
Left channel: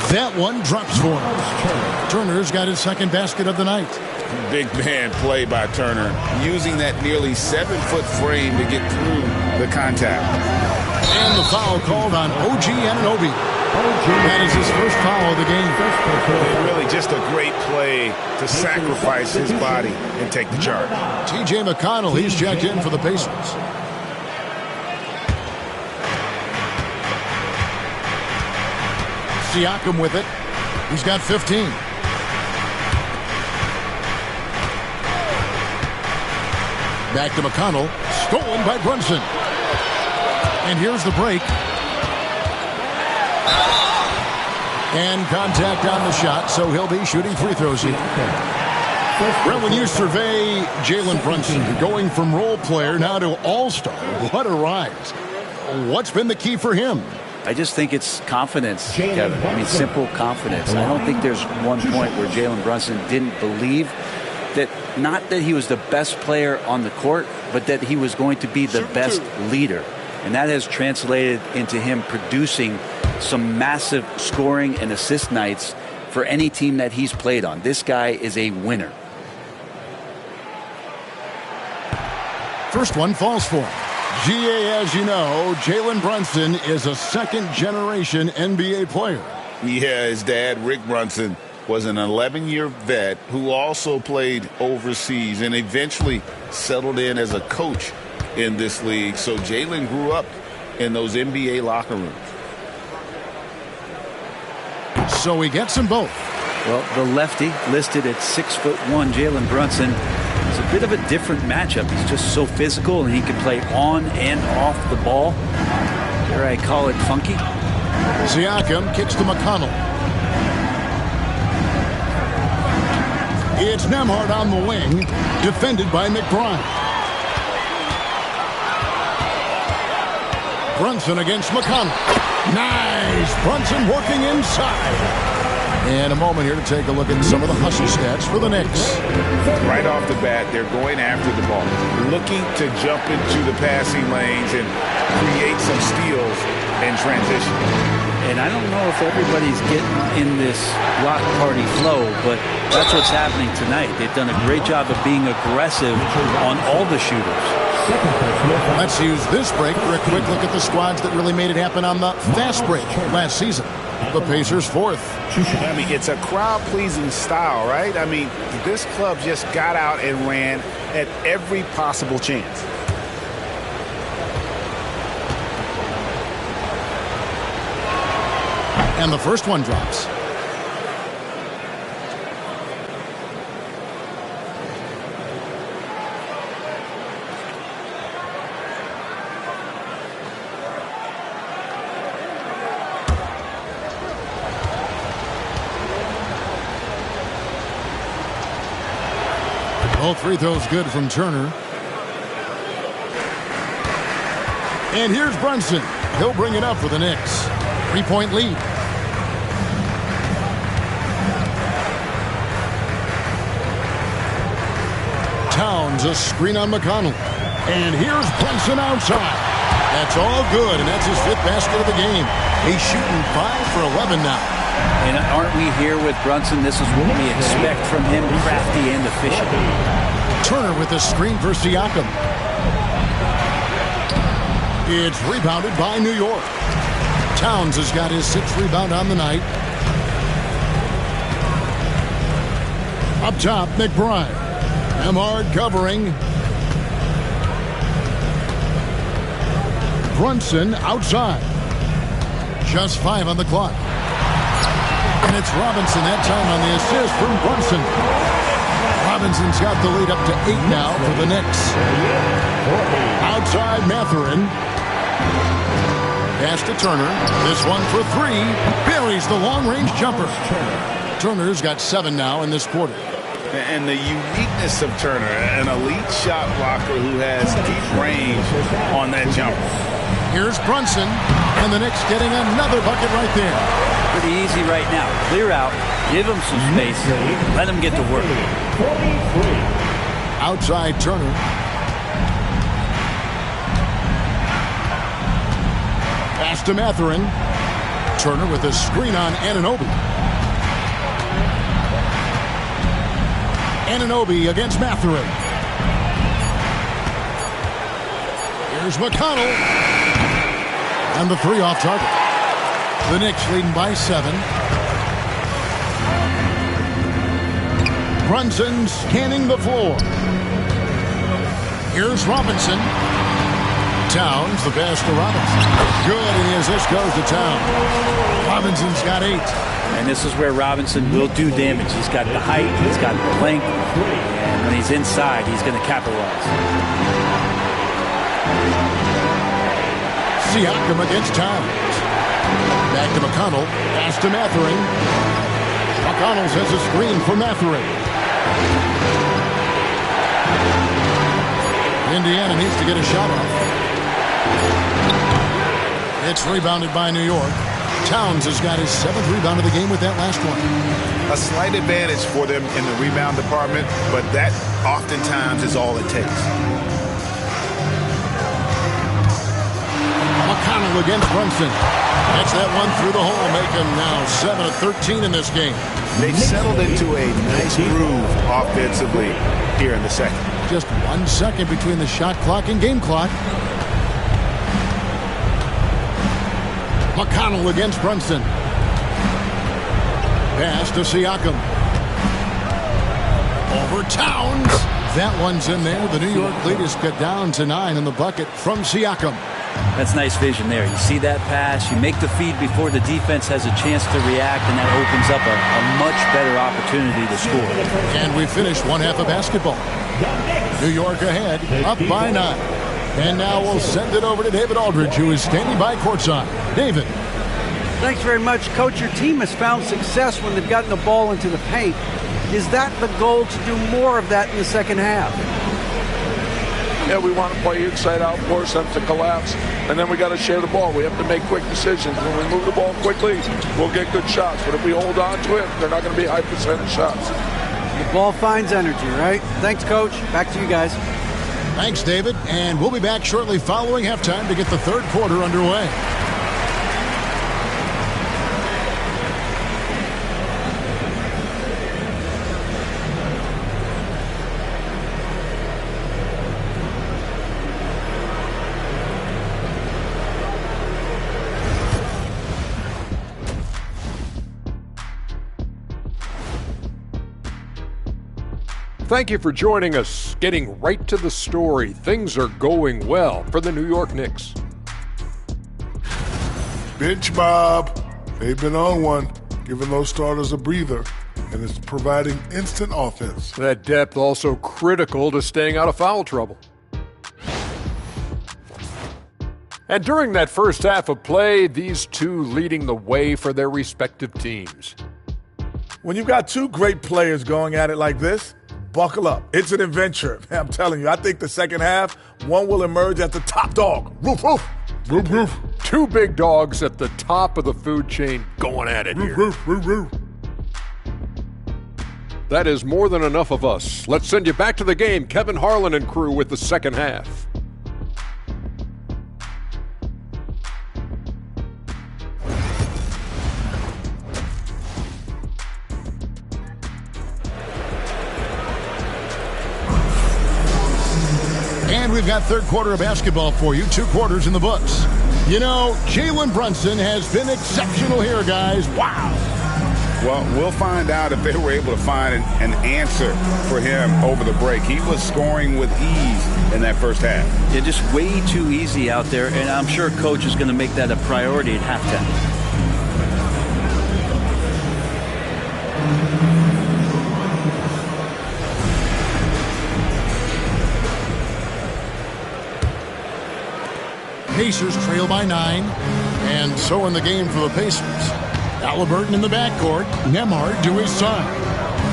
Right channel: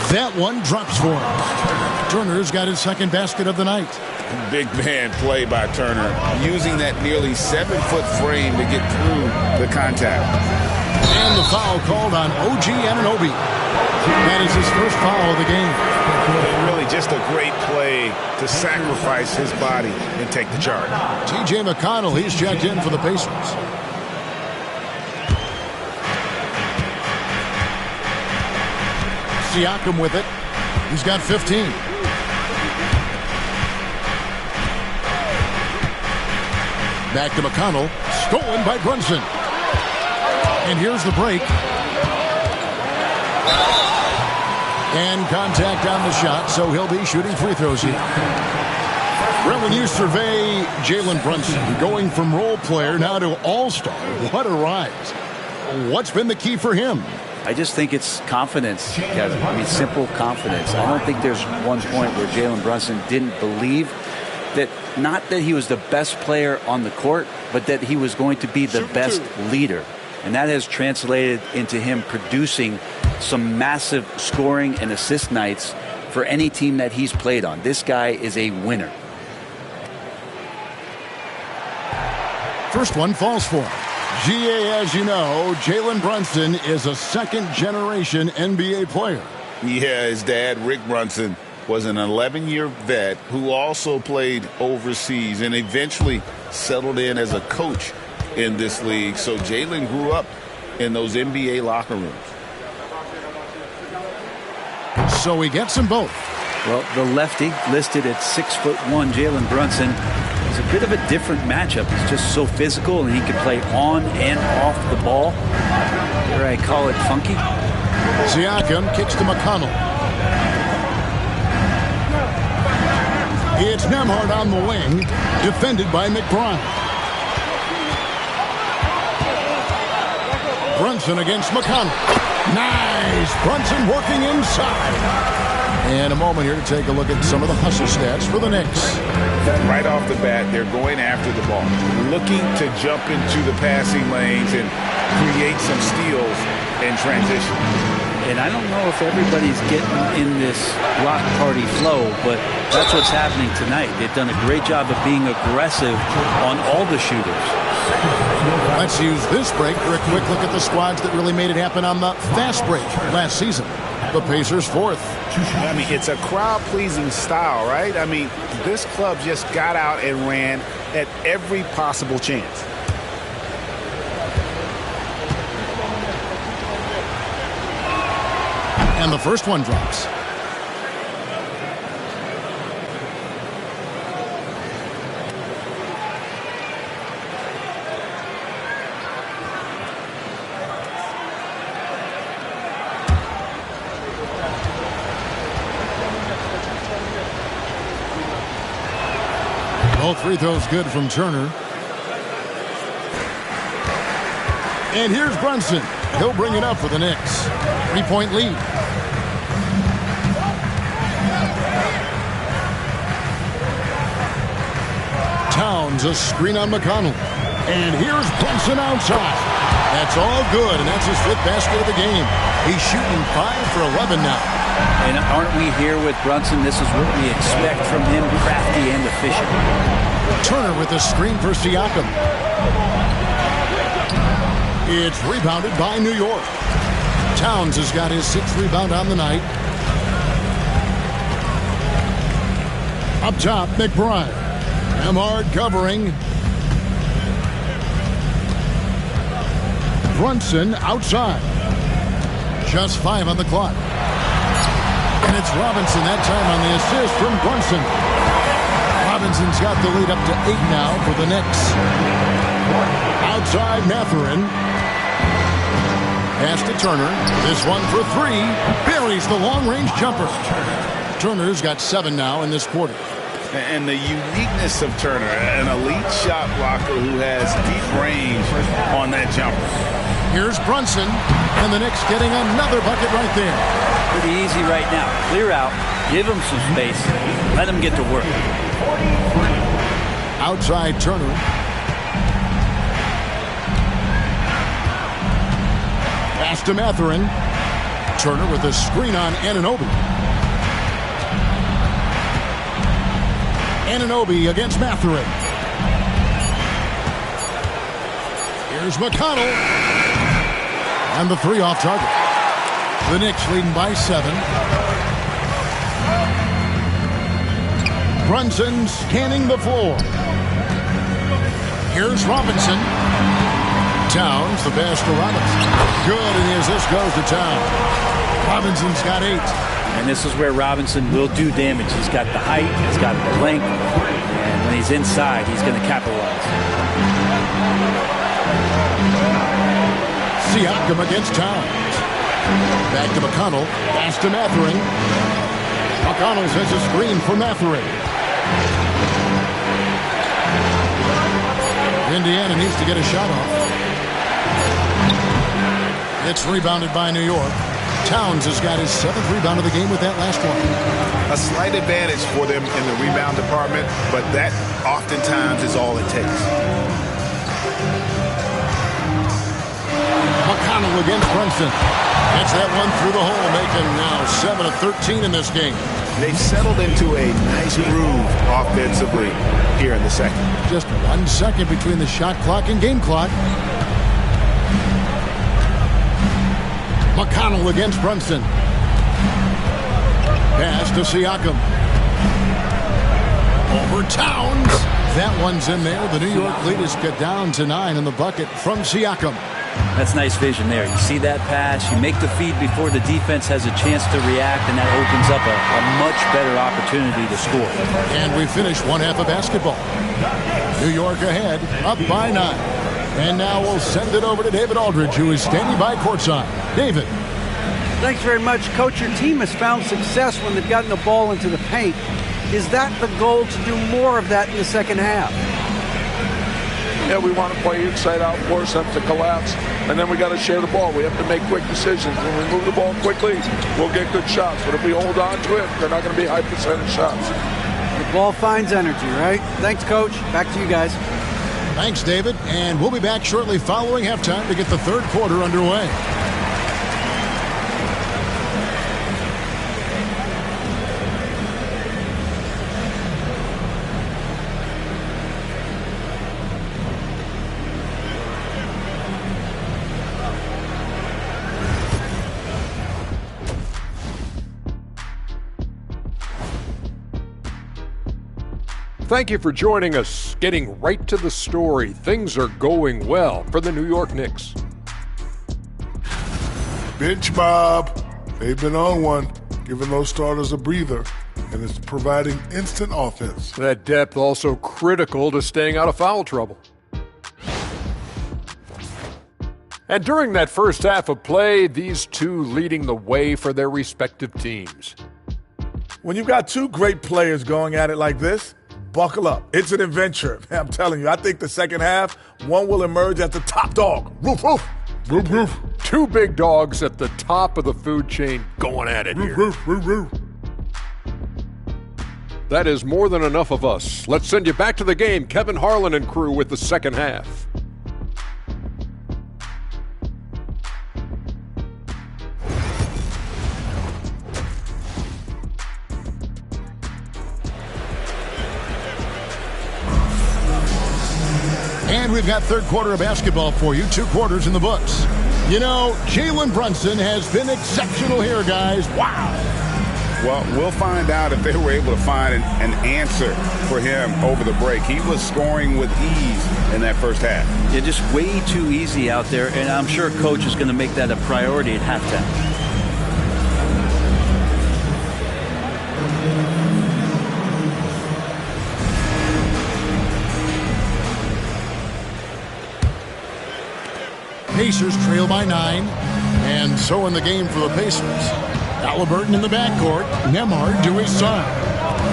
That one drops for him. Turner's got his second basket of the night. Big man play by Turner, using that nearly 7-foot frame to get through the contact. And the foul called on OG Anunoby. That is his first foul of the game. And really just a great play to sacrifice his body and take the charge. T.J. McConnell, he's checked in for the Pacers. Siakam with it. He's got 15. Back to McConnell. Stolen by Brunson. And here's the break. And contact on the shot, so he'll be shooting free throws here. Well, when you survey Jalen Brunson, going from role player now to all-star, what a rise. What's been the key for him? I just think it's confidence, Kevin. I mean, simple confidence. I don't think there's one point where Jalen Brunson didn't believe that, not that he was the best player on the court, but that he was going to be the best leader. And that has translated into him producing some massive scoring and assist nights for any team that he's played on. This guy is a winner. First one falls for him. GA, as you know, Jalen Brunson is a second-generation NBA player. Yeah, his dad, Rick Brunson, was an 11-year vet who also played overseas and eventually settled in as a coach in this league. So Jalen grew up in those NBA locker rooms. So he gets them both. Well, the lefty listed at 6'1", Jalen Brunson, is a bit of a different matchup. He's just so physical, and he can play on and off the ball. Dare I call it funky? Siakam kicks to McConnell. It's Nembhard on the wing, defended by McBride. Brunson against McConnell. Nice! Brunson working inside. And a moment here to take a look at some of the hustle stats for the Knicks. Right off the bat, they're going after the ball, looking to jump into the passing lanes and create some steals and transition. And I don't know if everybody's getting in this block party flow, but that's what's happening tonight. They've done a great job of being aggressive on all the shooters. Let's use this break for a quick look at the squads that really made it happen on the fast break last season. The Pacers fourth. I mean, it's a crowd-pleasing style, right? I mean, this club just got out and ran at every possible chance. And the first one drops. Both free throws good from Turner. And here's Brunson. He'll bring it up for the Knicks. 3-point lead. Towns, a screen on McConnell. And here's Brunson outside. That's all good, and that's his 5th basket of the game. He's shooting 5 for 11 now. And aren't we here with Brunson? This is what we expect from him, crafty and efficient. Turner with the screen for Siakam. It's rebounded by New York. Towns has got his 6th rebound on the night. Up top, McBride. Emard covering. Brunson outside. Just 5 on the clock. And it's Robinson that time on the assist from Brunson. Robinson's got the lead up to 8 now for the Knicks. Outside Mathurin. Pass to Turner. This one for 3. Buries the long-range jumper. Turner's got 7 now in this quarter. And the uniqueness of Turner, an elite shot blocker who has deep range on that jumper. Here's Brunson, and the Knicks getting another bucket right there. Pretty easy right now. Clear out, give him some space, let him get to work. Outside Turner. Pass to Mathurin. Turner with a screen on Anunoby. Anunoby against Mathurin. Here's McConnell. And the 3 off target. The Knicks leading by 7. Brunson scanning the floor. Here's Robinson. Towns, the pass to Robinson. Good, and the assist goes to Towns. Robinson's got 8. And this is where Robinson will do damage. He's got the height, he's got the length, and when he's inside, he's going to capitalize. Siakam against Towns. Back to McConnell. Pass to Mathurin. McConnell sends a screen for Mathurin. Indiana needs to get a shot off. It's rebounded by New York. Towns has got his 7th rebound of the game with that last one. A slight advantage for them in the rebound department, but that oftentimes is all it takes. McConnell against Brunson. Gets that one through the hole, making now 7 of 13 in this game. They've settled into a nice groove offensively here in the second. Just 1 second between the shot clock and game clock. McConnell against Brunson. Pass to Siakam. Over Towns. That one's in there. The New York lead is cut down to 9 in the bucket from Siakam. That's nice vision there. You see that pass, you make the feed before the defense has a chance to react, and that opens up a much better opportunity to score. And we finish one half of basketball. New York ahead, up by 9. And now we'll send it over to David Aldridge, who is standing by courtside. David. Thanks very much, Coach. Your team has found success when they've gotten the ball into the paint. Is that the goal, to do more of that in the second half? Yeah, we want to play inside out, force them to collapse, and then we got to share the ball. We have to make quick decisions. When we move the ball quickly, we'll get good shots. But if we hold on to it, they're not going to be high percentage shots. The ball finds energy, right? Thanks, Coach. Back to you guys. Thanks, David. And we'll be back shortly following halftime to get the third quarter underway. Thank you for joining us. Getting right to the story, things are going well for the New York Knicks. Bench Bob. They've been on one, giving those starters a breather, and it's providing instant offense. That depth also critical to staying out of foul trouble. And during that first half of play, these two leading the way for their respective teams. When you've got two great players going at it like this, buckle up. It's an adventure. I'm telling you, I think the second half, one will emerge as the top dog. Roof, roof. Roof, roof. Two big dogs at the top of the food chain going at it here. Roof, roof, roof. That is more than enough of us. Let's send you back to the game. Kevin Harlan and crew with the second half. And we've got third quarter of basketball for you. 2 quarters in the books. You know, Jalen Brunson has been exceptional here, guys. Wow. Well, we'll find out if they were able to find an answer for him over the break. He was scoring with ease in that first half. Yeah, just way too easy out there, and I'm sure Coach is going to make that a priority at halftime. Pacers trail by 9, and so in the game for the Pacers. Halliburton in the backcourt, Nembhard to his side.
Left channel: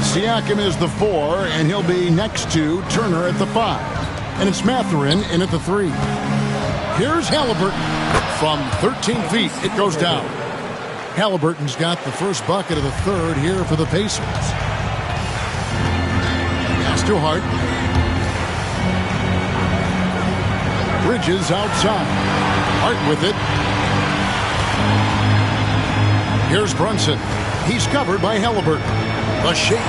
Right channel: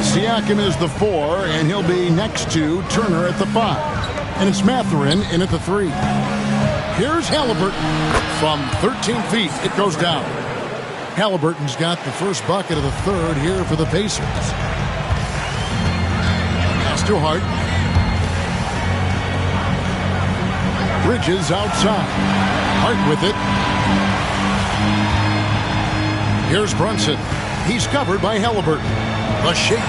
Siakam is the 4, and he'll be next to Turner at the 5. And it's Mathurin in at the 3. Here's Halliburton. From 13 feet, it goes down. Halliburton's got the first bucket of the third here for the Pacers. Pass to Hart. Bridges outside. Hart with it. Here's Brunson. He's covered by Halliburton. The shake.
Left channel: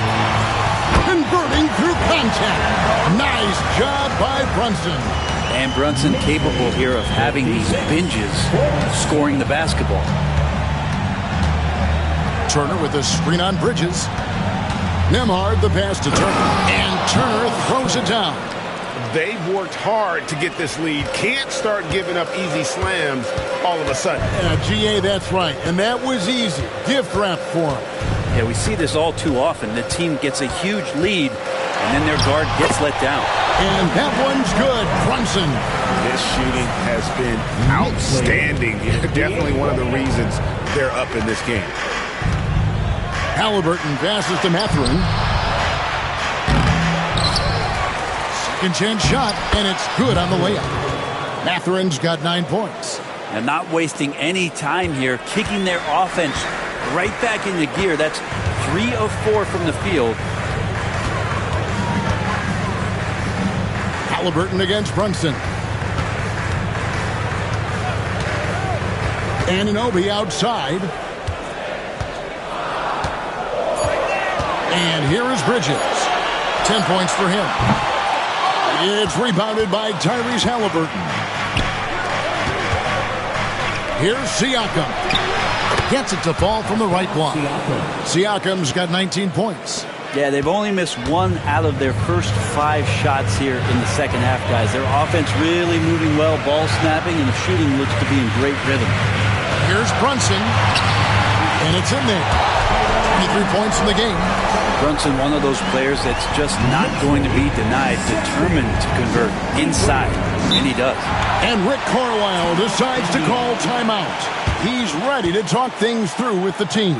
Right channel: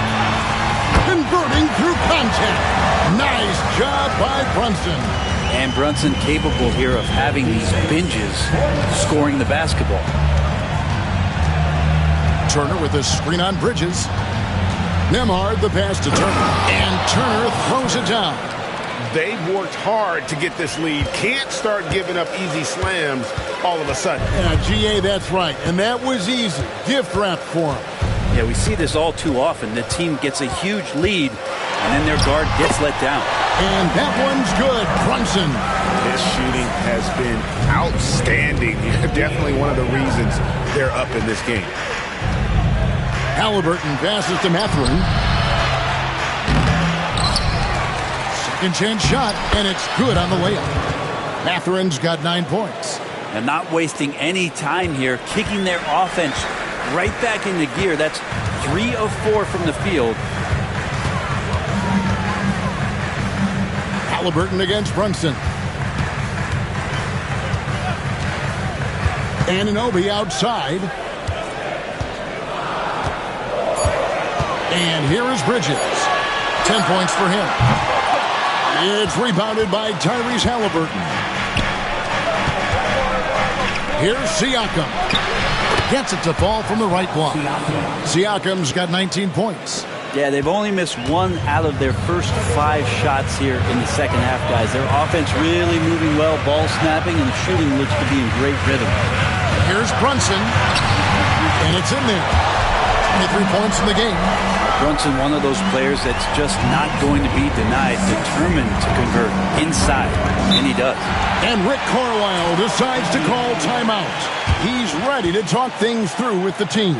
Converting through contact. Nice job by Brunson. And Brunson capable here of having these binges scoring the basketball. Turner with a screen on Bridges. Nembhard the pass to Turner. And Turner throws it down. They've worked hard to get this lead. Can't start giving up easy slams all of a sudden. Yeah, GA, that's right. And that was easy. Gift wrap for him. Yeah, we see this all too often. The team gets a huge lead, and then their guard gets let down. And that one's good. Brunson. His shooting has been outstanding. Definitely one of the reasons they're up in this game. Halliburton passes to Mathurin. Second chance shot, and it's good on the layup. Mathurin's got 9 points. And not wasting any time here, kicking their offense right back into gear. That's 3 of 4 from the field. Halliburton against Brunson. Anunoby outside. And here is Bridges. 10 points for him. It's rebounded by Tyrese Halliburton. Here's Siakam. Gets it to fall from the right block. Siakam's got 19 points. Yeah, they've only missed 1 out of their first 5 shots here in the second half, guys. Their offense really moving well, ball snapping, and the shooting looks to be in great rhythm. Here's Brunson, and it's in there. 23 points in the game. Brunson, one of those players that's just not going to be denied, determined to convert inside, and he does. And Rick Carlisle decides to call timeout. He's ready to talk things through with the team.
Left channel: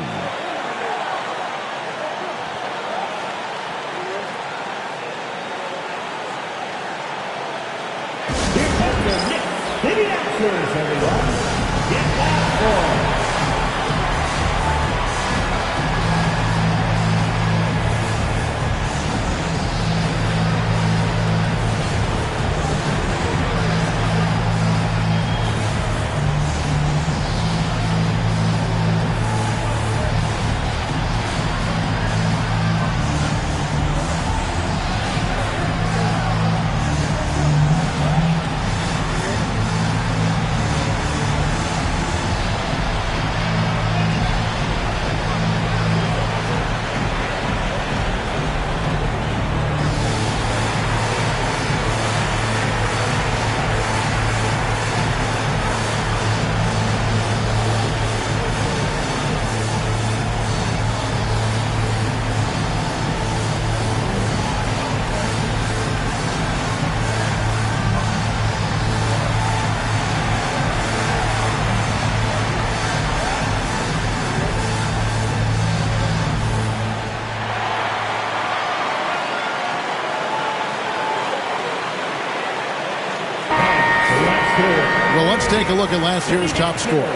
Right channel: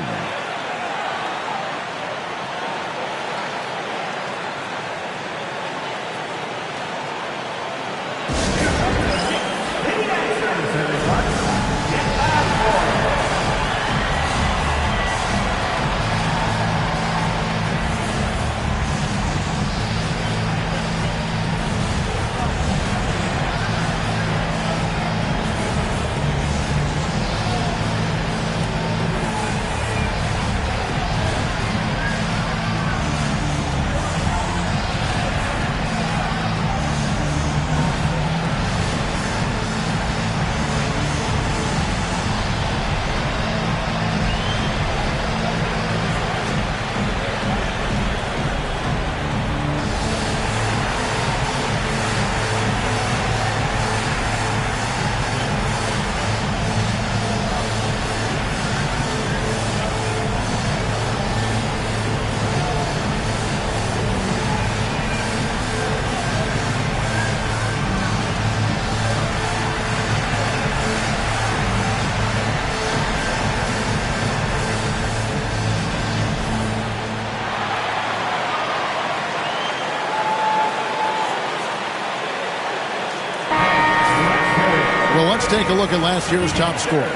Let's take a look at last year's top scorers.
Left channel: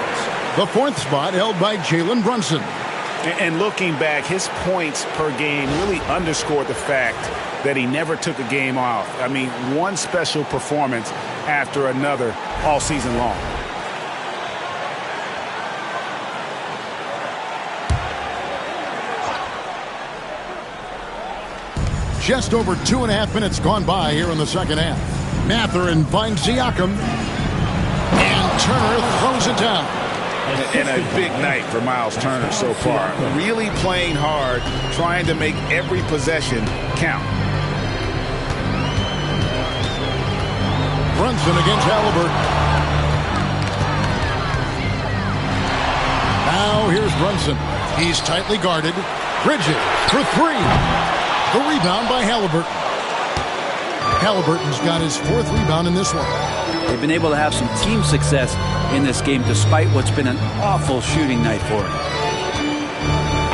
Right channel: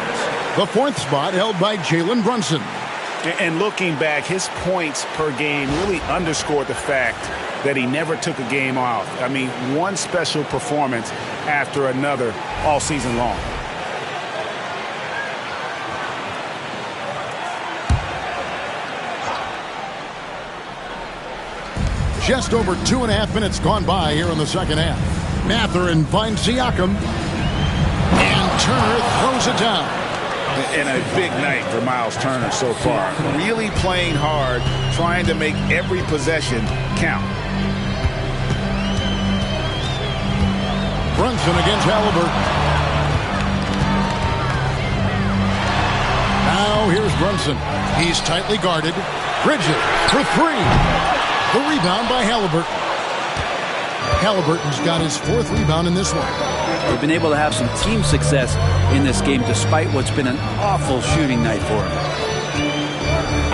The 4th spot held by Jalen Brunson. And looking back, his points per game really underscored the fact that he never took a game off. I mean, one special performance after another all season long. Just over 2.5 minutes gone by here in the second half. Mathurin finds Siakam. And Turner throws it down. And a big night for Miles Turner so far. Really playing hard, trying to make every possession count. Brunson against Halliburton. Now here's Brunson. He's tightly guarded. Bridges for 3. The rebound by Halliburton. Halliburton's got his 4th rebound in this one. They've been able to have some team success in this game despite what's been an awful shooting night for him.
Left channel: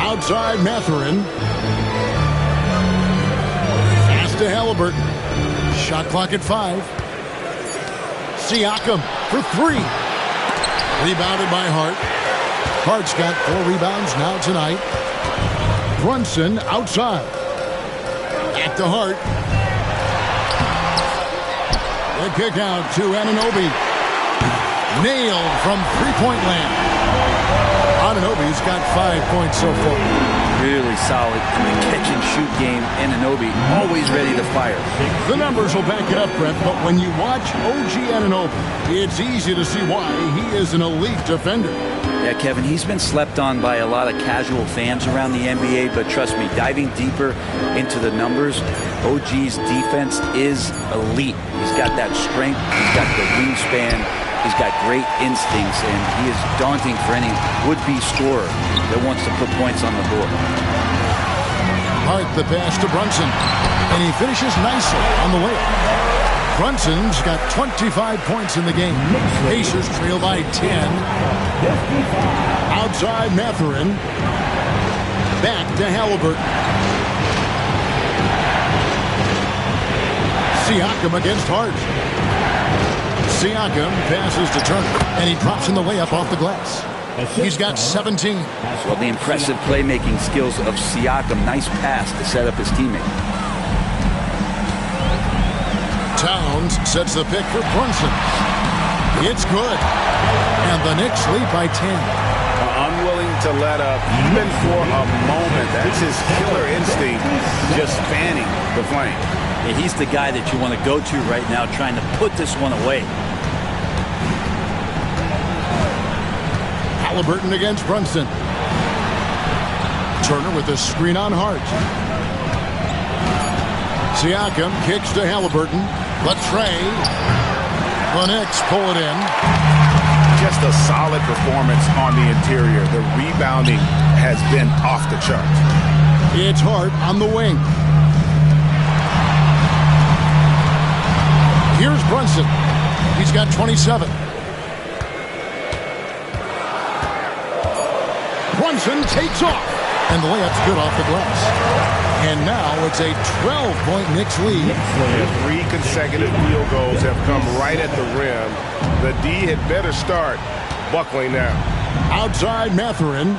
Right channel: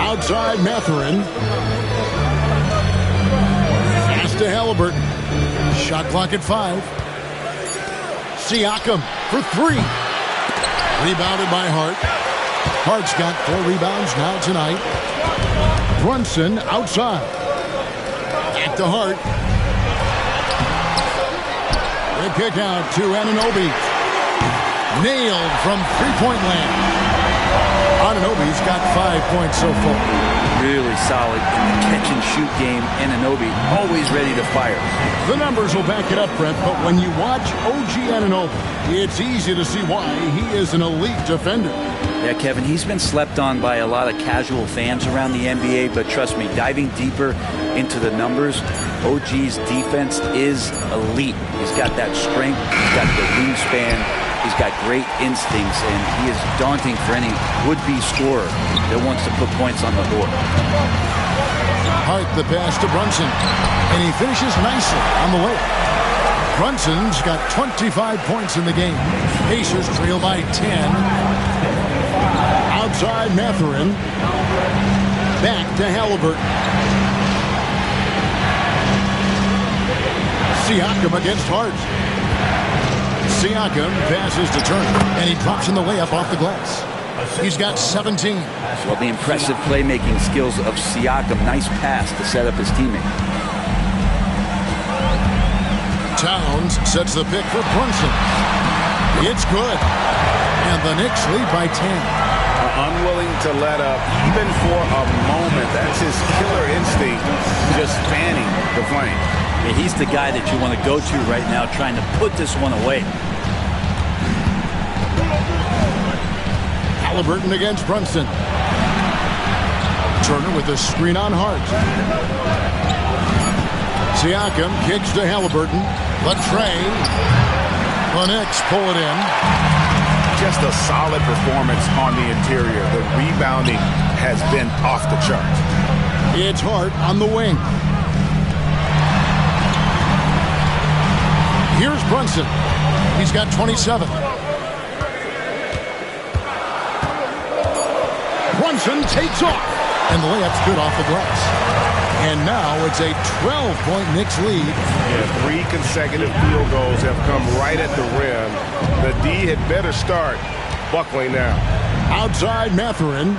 Outside Mathurin. Pass to Halliburton. Shot clock at 5. Siakam for 3. Rebounded by Hart. Hart's got 4 rebounds now tonight. Brunson outside. Back to Hart. The kick out to Anunoby. Nailed from three-point land. Anunoby's got 5 points so far. Really solid in the catch-and-shoot game. Anunoby always ready to fire. The numbers will back it up, Brett, but when you watch OG Anunoby, it's easy to see why he is an elite defender. Yeah, Kevin, he's been slept on by a lot of casual fans around the NBA, but trust me, diving deeper into the numbers, OG's defense is elite. He's got that strength, he's got the wingspan, he's got great instincts, and he is daunting for any would-be scorer that wants to put points on the board. Hart the pass to Brunson, and he finishes nicely on the layup. Brunson's got 25 points in the game. Pacers trail by 10. Outside Mathurin. Back to Halliburton. Siakam against Hart. Siakam passes to Turner, and he drops in the layup off the glass. He's got 17. Well, the impressive playmaking skills of Siakam. Nice pass to set up his teammate. Towns sets the pick for Brunson. It's good. And the Knicks lead by 10. Unwilling to let up, even for a moment. That's his killer instinct, just fanning the flame. Yeah, he's the guy that you want to go to right now, trying to put this one away. Halliburton against Brunson. Turner with a screen on Hart. Siakam kicks to Halliburton. The tray. The Knicks pull it in. Just a solid performance on the interior. The rebounding has been off the chart. It's Hart on the wing. Here's Brunson. He's got 27. Brunson takes off. And the layup's good off the glass. And now it's a 12-point Knicks lead. Yeah, 3 consecutive field goals have come right at the rim. The D had better start buckling now. Outside Mathurin.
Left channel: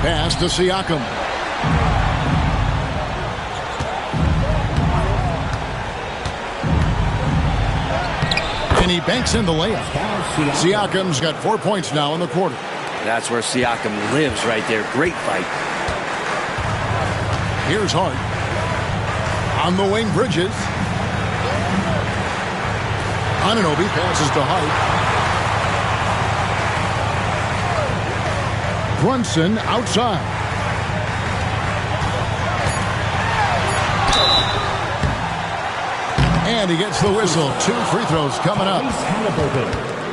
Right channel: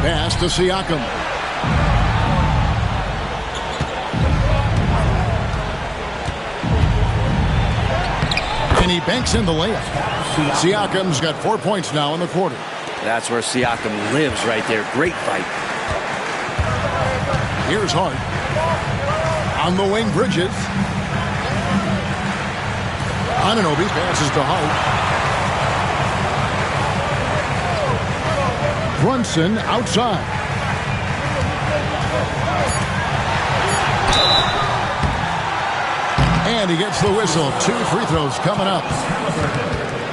Pass to Siakam. And he banks in the layup. Siakam's got 4 points now in the quarter. That's where Siakam lives right there. Great fight. Here's Hart. On the wing, Bridges. Anunoby passes to Hart. Brunson outside. And he gets the whistle. 2 free throws coming up.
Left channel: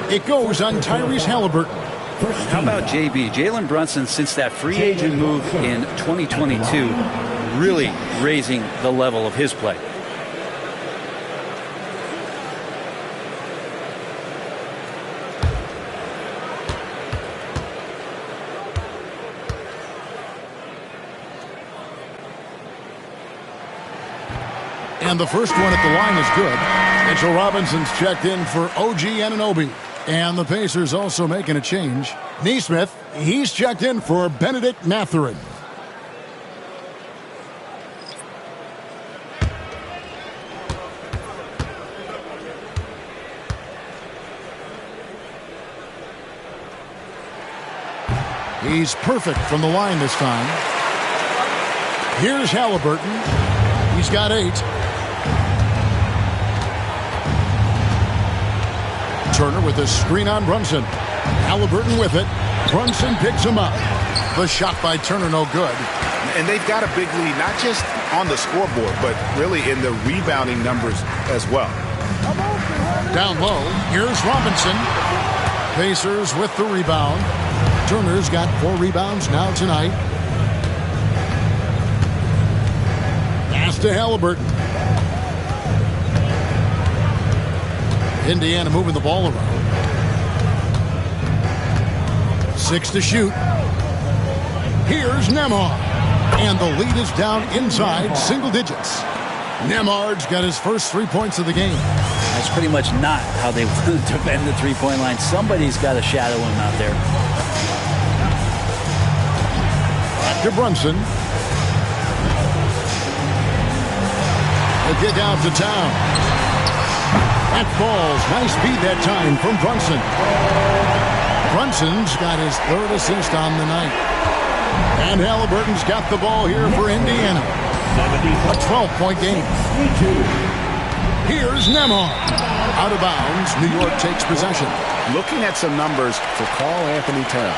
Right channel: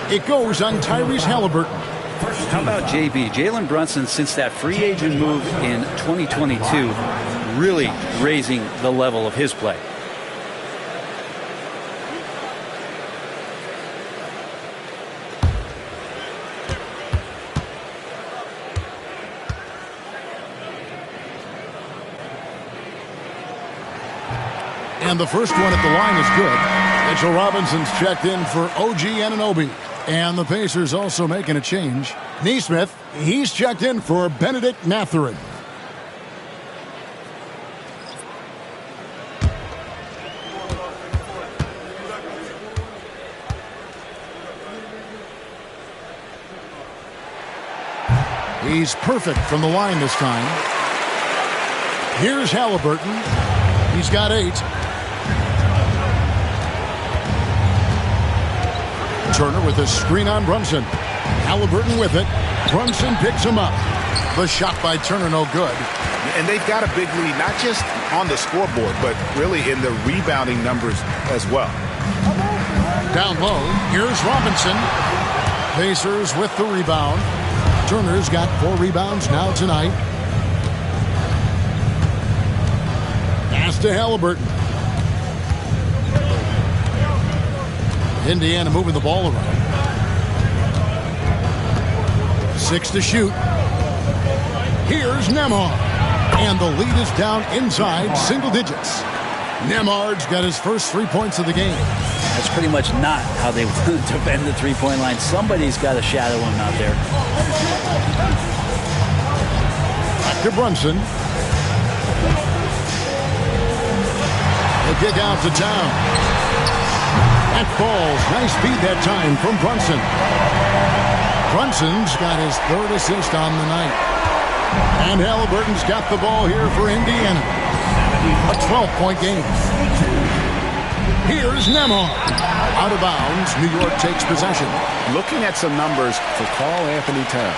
It goes on Tyrese Halliburton. How about JB? Jalen Brunson, since that free agent move in 2022, really raising the level of his play. And the first one at the line is good. Mitchell Robinson's checked in for OG Anunoby. And the Pacers also making a change. Neesmith, he's checked in for Benedict Mathurin. He's perfect from the line this time. Here's Halliburton. He's got 8. Turner with a screen on Brunson. Halliburton with it. Brunson picks him up. The shot by Turner, no good. And they've got a big lead, not just on the scoreboard, but really in the rebounding numbers as well. Down low, here's Robinson. Pacers with the rebound. Turner's got 4 rebounds now tonight. Pass to Halliburton. Indiana moving the ball around. 6 to shoot. Here's Nembhard. And the lead is down inside single digits. Nembhard's got his first 3 points of the game. That's pretty much not how they want to defend the three-point line. Somebody's got to shadow him out there. Back to Brunson. The kick out to Towns. That falls. Nice feed that time from Brunson. Brunson's got his 3rd assist on the night. And Halliburton's got the ball here for Indiana. A 12-point game. Here's Nembhard. Out of bounds. New York takes possession. Looking at some numbers for Karl Anthony Towns.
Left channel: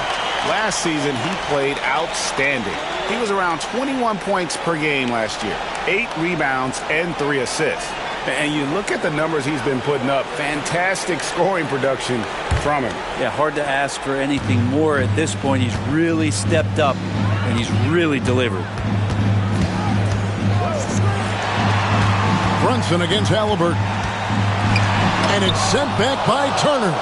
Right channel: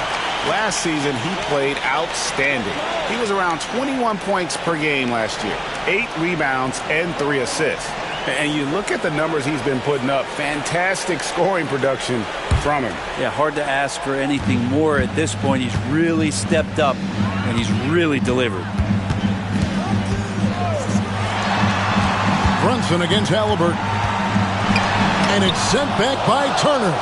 Last season, he played outstanding. He was around 21 points per game last year. 8 rebounds and 3 assists. And you look at the numbers he's been putting up. Fantastic scoring production from him. Yeah, hard to ask for anything more at this point. He's really stepped up, and he's really delivered. Brunson against Halliburton. And it's sent back by Turner.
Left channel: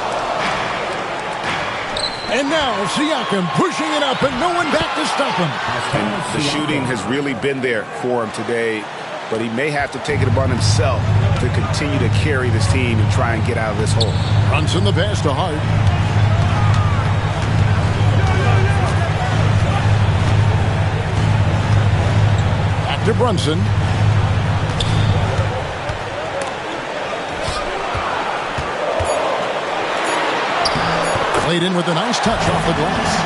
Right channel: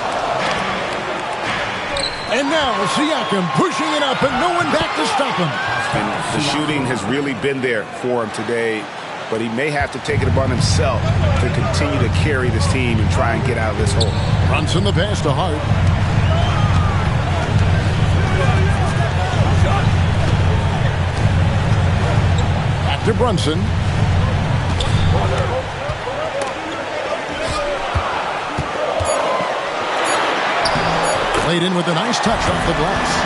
And now Siakam pushing it up, and no one back to stop him. And the shooting has really been there for him today. But he may have to take it upon himself to continue to carry this team and try and get out of this hole. Brunson the pass to Hart. Back to Brunson. Played in with a nice touch off the glass.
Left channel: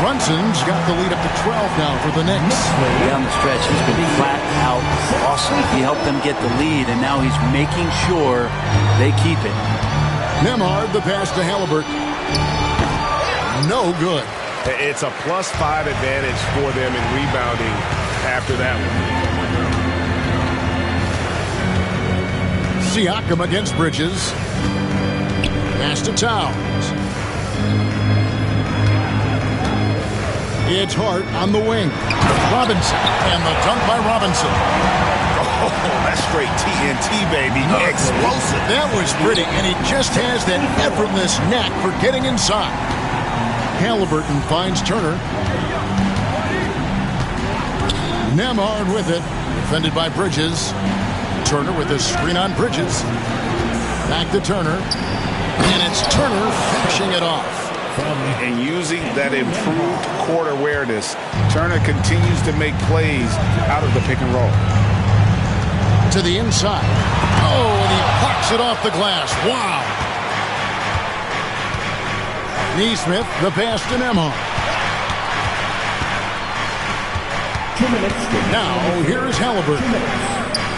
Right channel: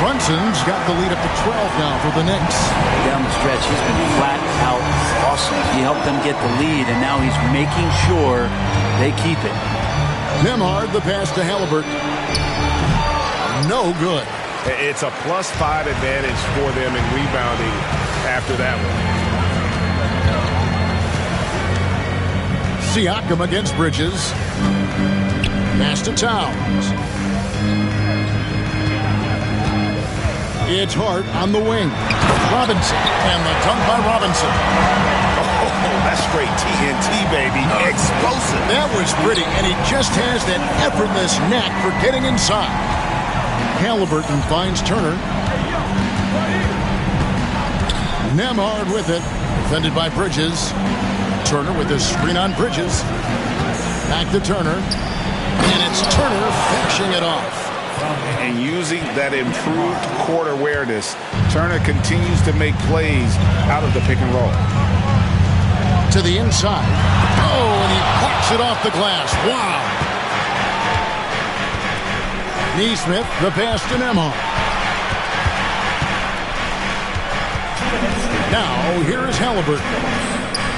Brunson's got the lead up to 12 now for the Knicks. Down the stretch, he's been flat out awesome. He helped them get the lead, and now he's making sure they keep it. Nembhard, the pass to Halliburton. No good. It's a +5 advantage for them in rebounding after that one. Siakam against Bridges. Pass to Towns. It's Hart on the wing. Robinson. And the dunk by Robinson. Oh, that's straight TNT, baby. Explosive. That was pretty, and he just has that effortless knack for getting inside. Halliburton finds Turner. Nembhard with it. Defended by Bridges. Turner with his screen on Bridges. Back to Turner. And it's Turner finishing it off. And using that improved court awareness, Turner continues to make plays out of the pick and roll. To the inside. Oh, and he plucks it off the glass. Wow. Neesmith, the pass to Nembhard. Now, here is Halliburton.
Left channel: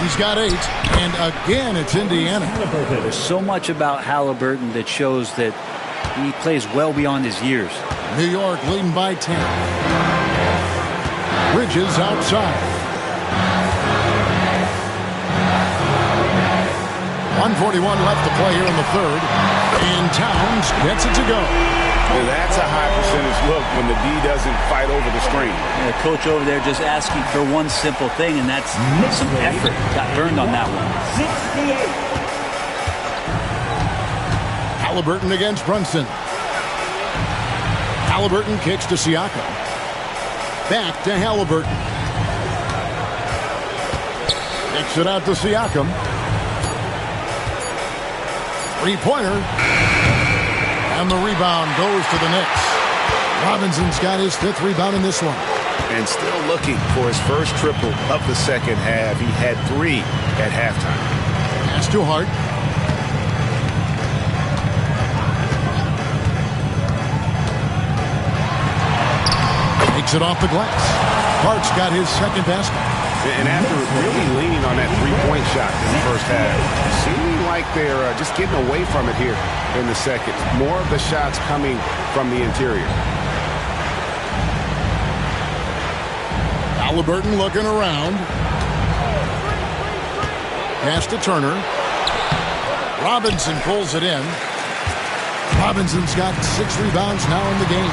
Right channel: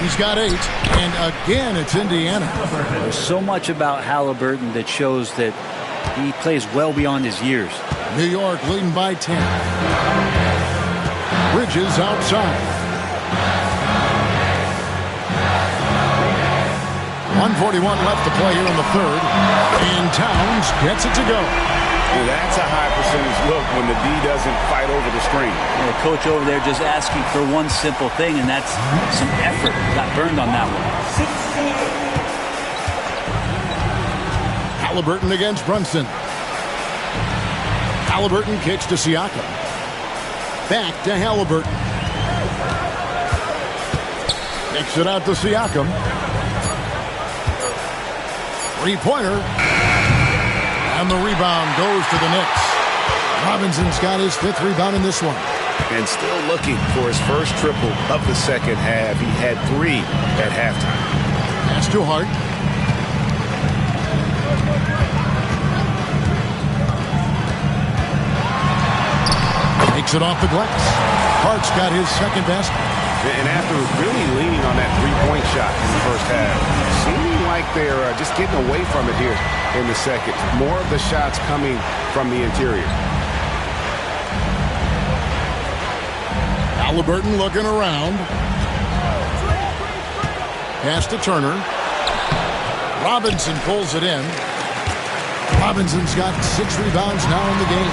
He's got 8, and again, it's Indiana. There's so much about Halliburton that shows that he plays well beyond his years. New York leading by 10. Bridges outside. 1:41 left to play here in the third. And Towns gets it to go. That's a high percentage look when the D doesn't fight over the screen. Yeah, the coach over there just asking for one simple thing, and that's some effort. Got burned on that one. Halliburton against Brunson. Halliburton kicks to Siakam. Back to Halliburton. Kicks it out to Siakam. Three-pointer. And the rebound goes to the Knicks. Robinson's got his 5th rebound in this one. And still looking for his first triple of the second half. He had 3 at halftime. Pass to Hart. Takes it off the glass. Hart's got his 2nd basket. And after really leaning on that three-point shot in the first half, seeming like they're just getting away from it here in the second. More of the shots coming from the interior. Halliburton looking around. Pass to Turner. Robinson pulls it in. Robinson's got 6 rebounds now in the game.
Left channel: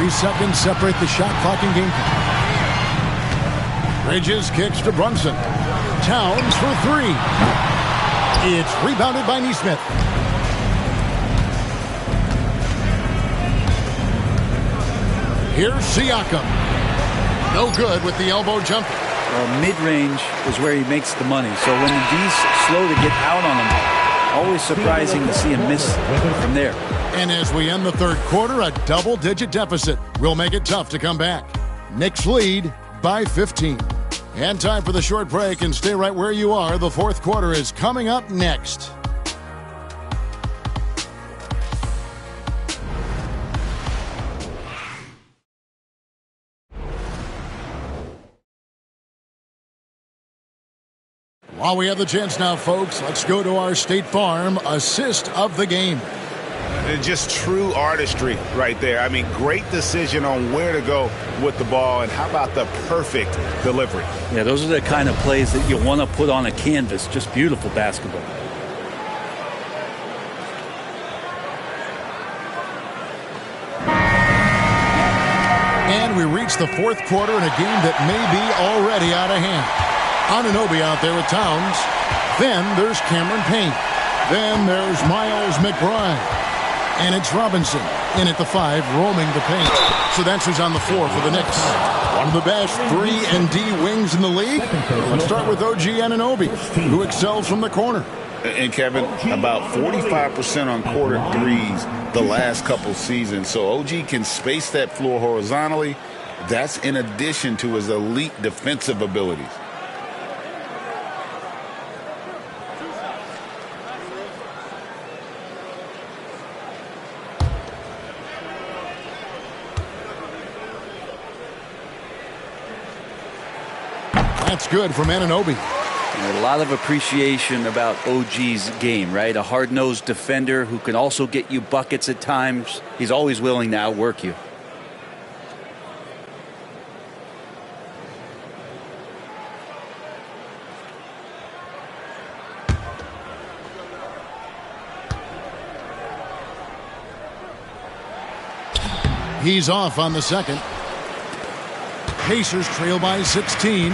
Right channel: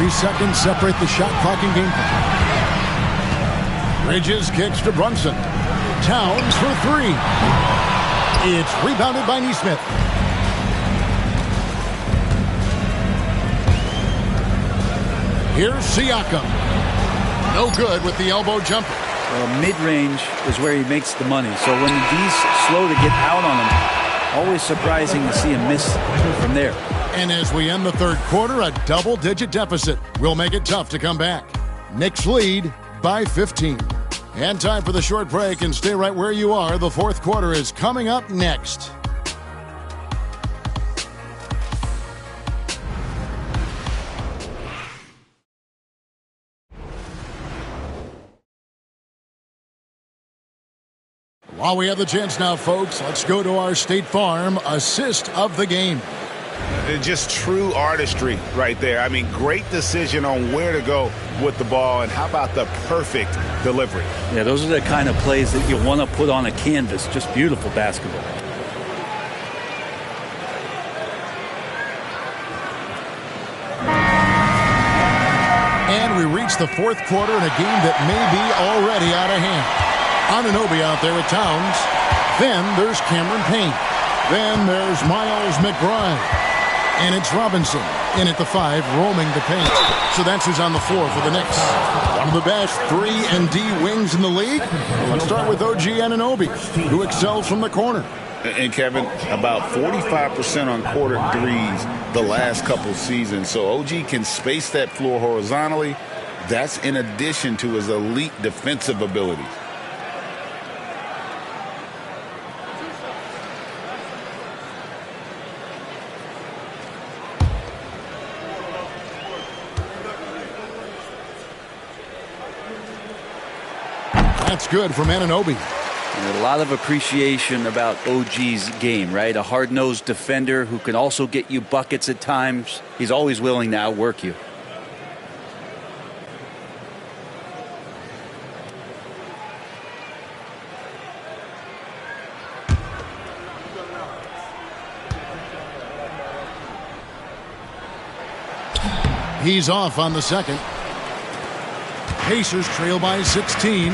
3 seconds separate the shot clock and game time. Bridges kicks to Brunson. Towns for 3. It's rebounded by Nesmith. Here's Siakam. No good with the elbow jumper. Well, mid-range is where he makes the money. So when the D's slow to get out on him, always surprising to see him miss from there. And as we end the 3rd quarter, a double-digit deficit will make it tough to come back. Knicks lead by 15. And time for the short break, and stay right where you are. The 4th quarter is coming up next. While we have the chance now, folks, let's go to our State Farm assist of the game. Just true artistry right there. I mean, great decision on where to go with the ball, and how about the perfect delivery? Yeah, those are the kind of plays that you want to put on a canvas. Just beautiful basketball. And we reach the 4th quarter in a game that may be already out of hand. Anunoby out there with Towns. Then there's Cameron Payne. Then there's Miles McBride. And it's Robinson in at the 5, roaming the paint. So that's who's on the floor for the Knicks. One of the best 3-and-D wings in the league. Let's start with OG Anunoby, who excels from the corner. And Kevin, about 45% on quarter threes the last couple seasons. So OG can space that floor horizontally. That's in addition to his elite defensive abilities. That's good from Anunoby. A lot of appreciation about OG's game, right? A hard-nosed defender who can also get you buckets at times. He's always willing to outwork you. He's off on the 2nd. Pacers trail by 16.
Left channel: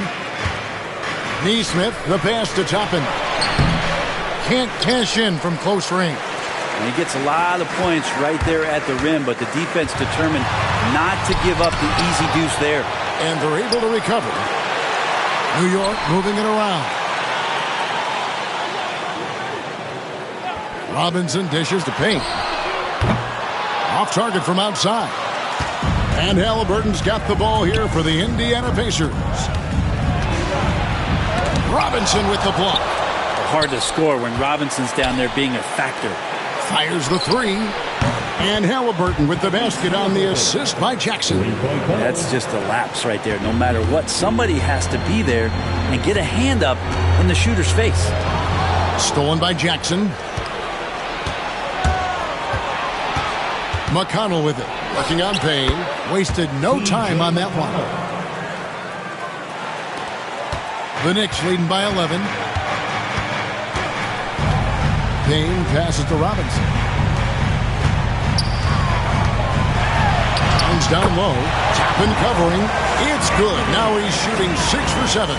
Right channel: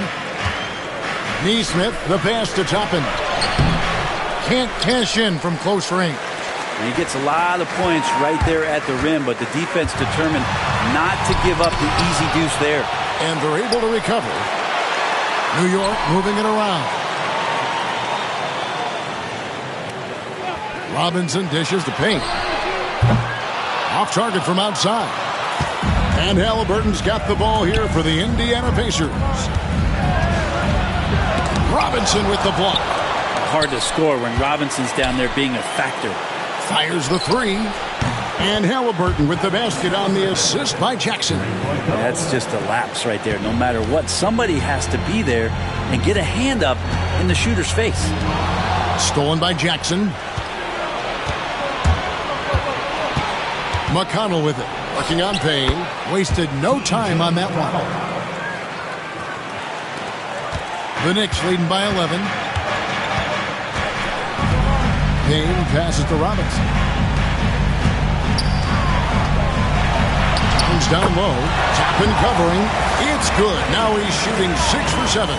Nesmith, the pass to Toppin. Can't cash in from close range. And he gets a lot of points right there at the rim, but the defense determined not to give up the easy deuce there. And they're able to recover. New York moving it around. Robinson dishes to Payne. Off target from outside. And Halliburton's got the ball here for the Indiana Pacers. Robinson with the block. Hard to score when Robinson's down there being a factor. Fires the 3. And Halliburton with the basket on the assist by Jackson. That's just a lapse right there. No matter what, somebody has to be there and get a hand up in the shooter's face. Stolen by Jackson. McConnell with it. Working on Payne. Wasted no time on that one. The Knicks leading by 11. Payne passes to Robinson. Towns down low. Toppin covering. It's good. Now he's shooting 6 for 7.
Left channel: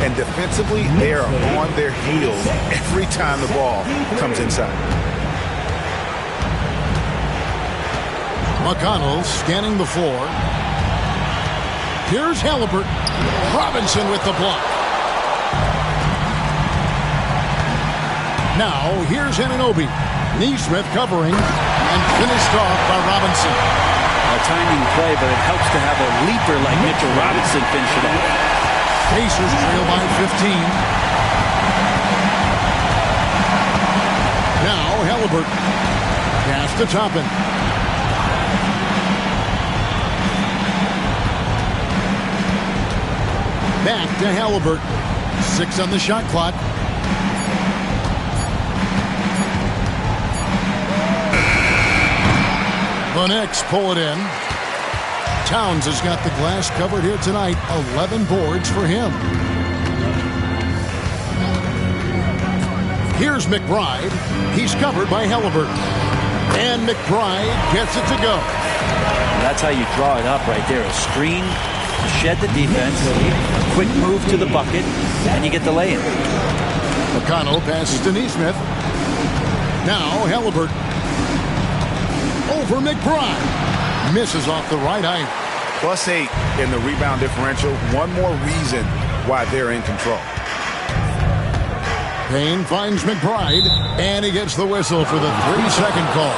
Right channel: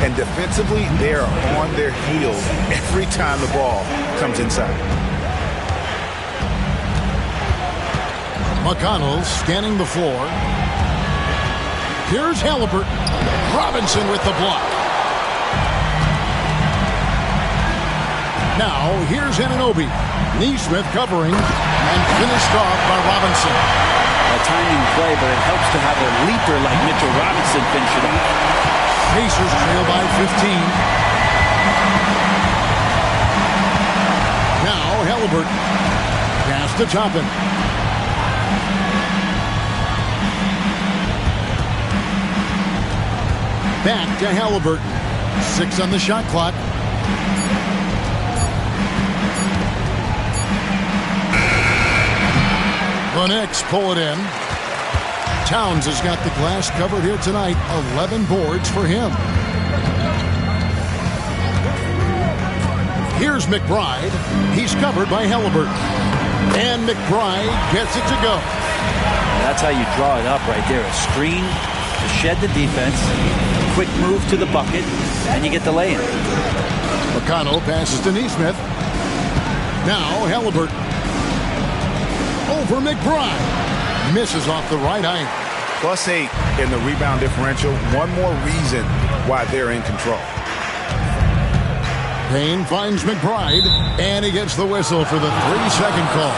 And defensively, they are on their heels every time the ball comes inside. McConnell scanning the floor. Here's Halliburton. Robinson with the block. Now, here's Anunoby. Neesmith covering and finished off by Robinson. A timing play, but it helps to have a leaper like Mitchell Robinson finish it off. Pacers trail by 15. Now Halliburton. Pass to Toppin. Back to Halliburton. 6 on the shot clock. The Knicks pull it in. Towns has got the glass covered here tonight. 11 boards for him. Here's McBride. He's covered by Halliburton. And McBride gets it to go. That's how you draw it up right there. A screen to shed the defense. A quick move to the bucket. And you get the lay-in. McConnell passes to Neesmith. Now Halliburton. Over McBride. Misses off the right eye. +8 in the rebound differential. One more reason why they're in control. Payne finds McBride, and he gets the whistle for the 3-second call.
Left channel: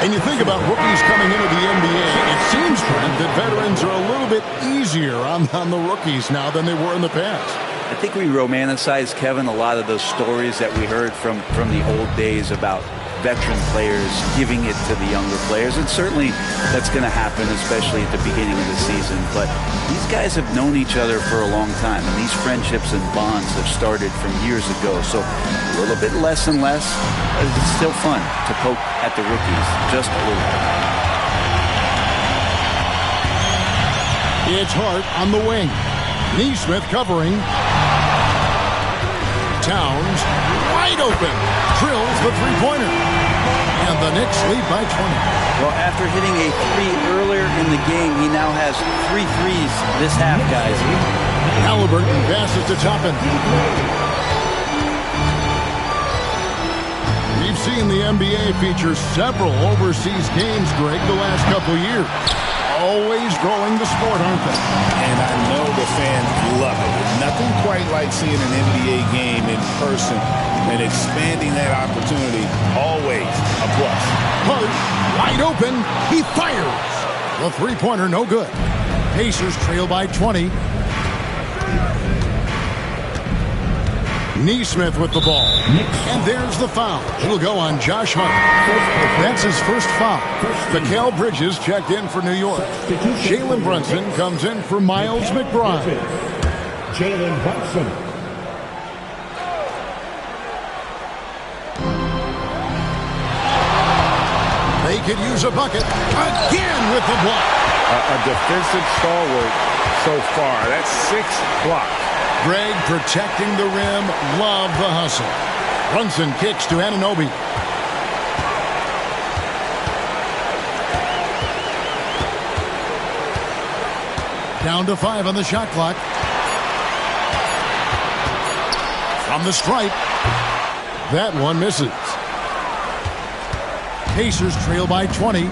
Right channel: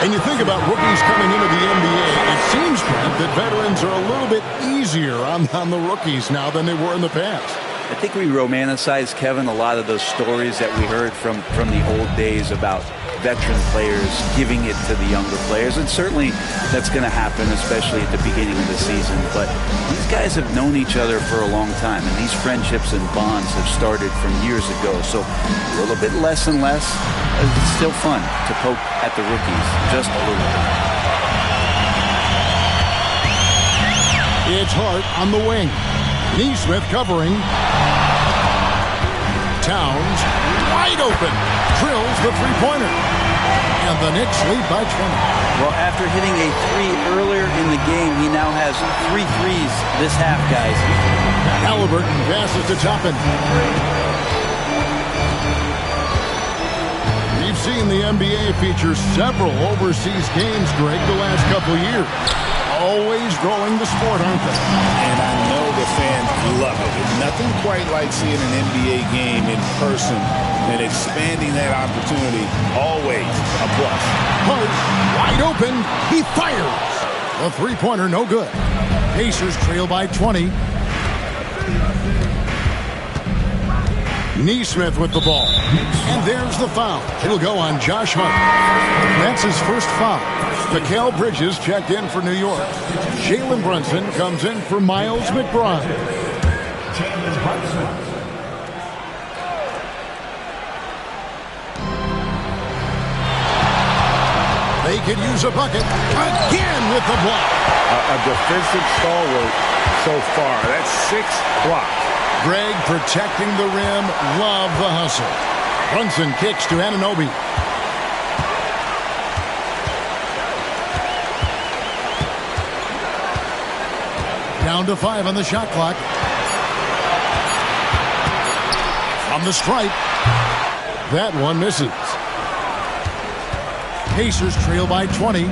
And you think about rookies coming into the NBA, it seems, Brent, that veterans are a little bit easier on the rookies now than they were in the past. I think we romanticize, Kevin, a lot of those stories that we heard from the old days about veteran players giving it to the younger players, and certainly that's going to happen, especially at the beginning of the season. But these guys have known each other for a long time, and these friendships and bonds have started from years ago. So a little bit less and less. It's still fun to poke at the rookies, just a little bit. It's Hart on the wing. Neesmith covering. Towns wide open. Drills the three-pointer. And the Knicks lead by 20. Well, after hitting a 3 earlier in the game, he now has 3 threes this half, guys. Halliburton passes to Toppin. We've seen the NBA feature several overseas games, Greg, the last couple of years. Always growing the sport, aren't they? And I know the fans love it. There's nothing quite like seeing an NBA game in person and expanding that opportunity. Always a plus. Hart, wide open. He fires. The three-pointer, no good. Pacers trail by 20. Neesmith with the ball. And there's the foul. It'll go on Josh Hart. That's his first foul. Mikal Bridges checked in for New York. Jalen Brunson comes in for Miles McBride. Jalen Brunson. They could use a bucket. Again with the block. A defensive stalwart so far. That's 6 blocks. Greg protecting the rim. Love the hustle. Brunson kicks to Anunoby. Down to 5 on the shot clock. From the stripe. That one misses. Pacers trail by 20.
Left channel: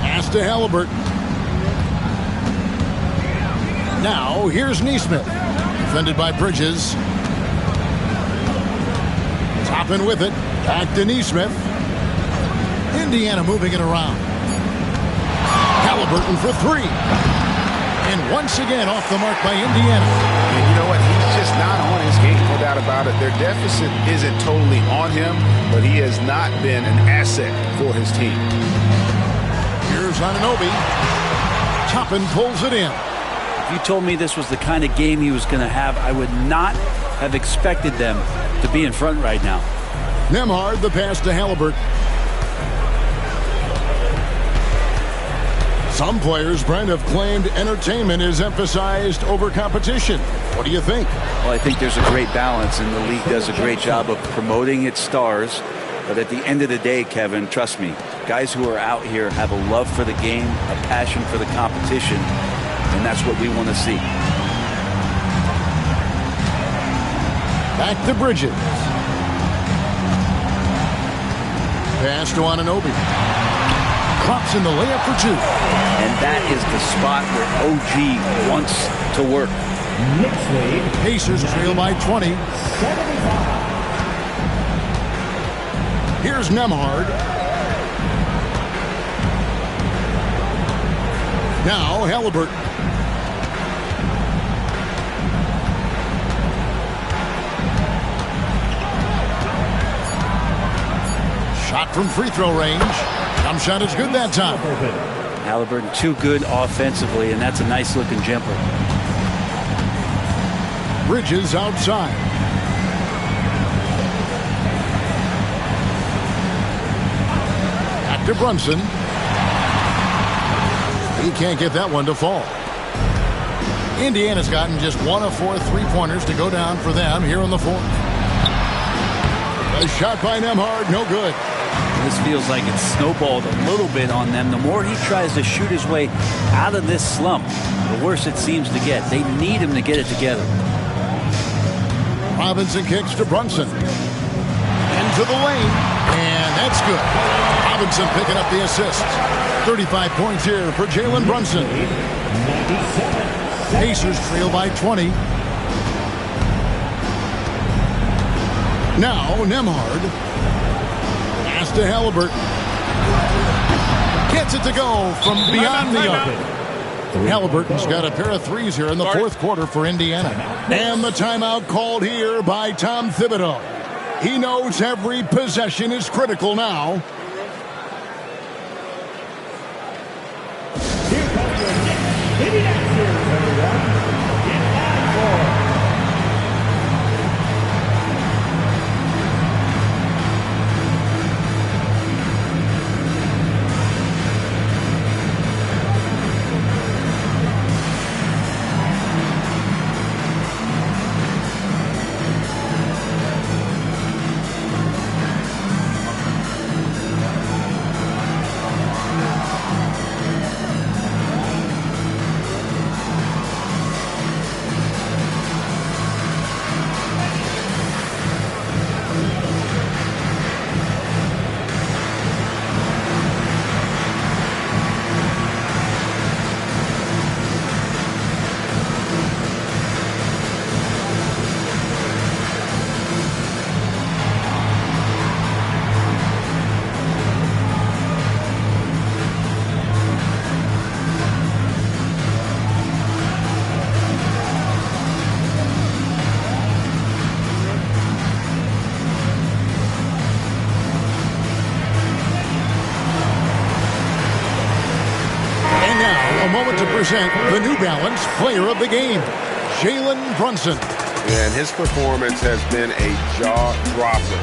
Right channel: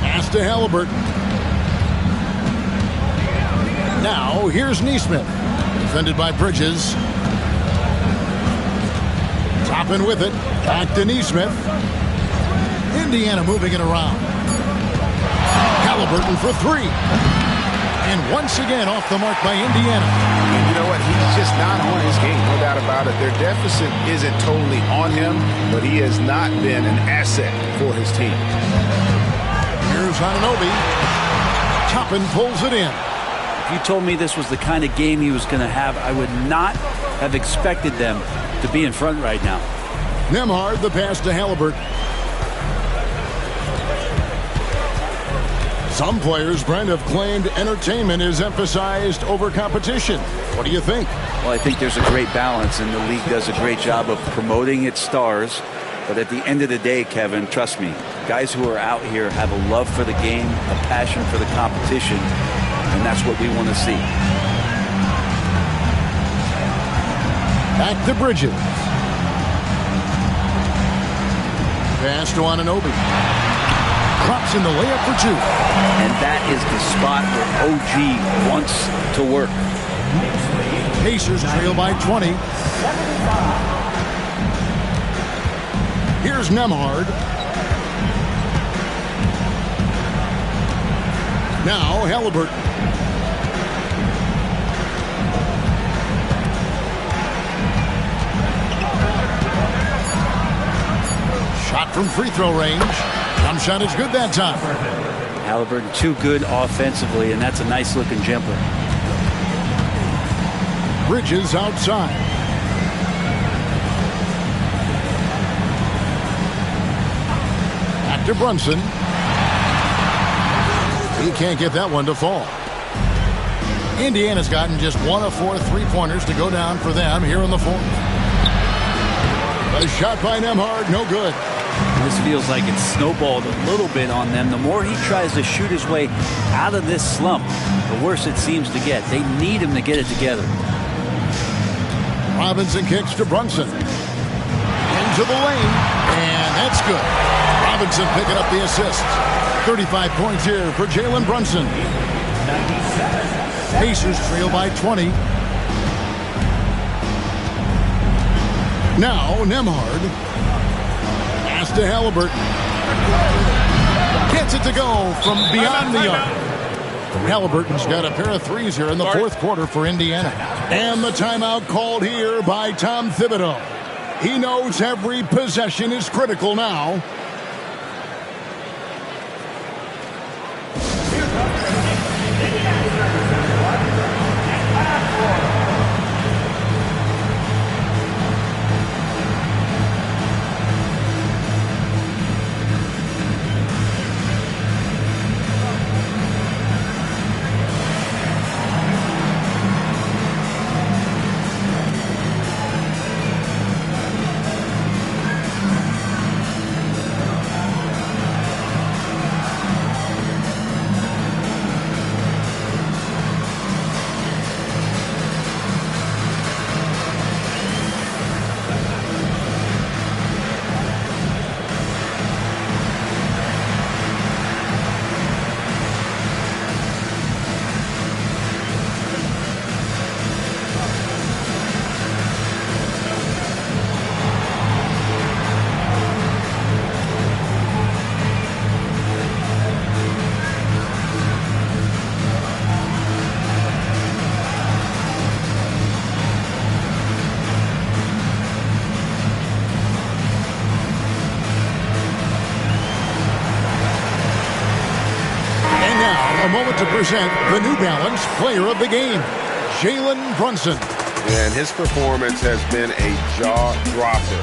Pass to Halliburton. Now, here's Neesmith. Defended by Bridges. Toppin with it. Back to Neesmith. Indiana moving it around. Halliburton for 3. And once again off the mark by Indiana. And you know what? He's just not on his game, no doubt about it. Their deficit isn't totally on him, but he has not been an asset for his team. Here's Anunoby. Toppin pulls it in. If you told me this was the kind of game he was going to have, I would not have expected them to be in front right now. Nembhard, the pass to Halliburton. Some players, Brent, have claimed entertainment is emphasized over competition. What do you think? Well, I think there's a great balance, and the league does a great job of promoting its stars. But at the end of the day, Kevin, trust me, guys who are out here have a love for the game, a passion for the competition, and that's what we want to see. Back to Bridges. Pass to Anunoby. Drops in the layup for 2. And that is the spot where OG wants to work. Pacers trail by 20. Here's Nemhard. Now Halliburton. Shot from free throw range. Jump shot is good that time. Halliburton too good offensively, and that's a nice looking jumper. Bridges outside. Back to Brunson. He can't get that one to fall. Indiana's gotten just 1 of 4 3-pointers to go down for them here in the fourth. A shot by Nemhard, no good. This feels like it's snowballed a little bit on them. The more he tries to shoot his way out of this slump, the worse it seems to get. They need him to get it together. Robinson kicks to Brunson. Into the lane, and that's good. Robinson picking up the assists. 35 points here for Jalen Brunson. Pacers trail by 20. Now Nemhard. Pass to Halliburton. Gets it to go from beyond the arc. Halliburton's got a pair of threes here in the fourth quarter for Indiana. And the timeout called here by Tom Thibodeau. He knows every possession is critical now. A moment to present the New Balance Player of the Game, Jalen Brunson. And his performance has been a jaw-dropper.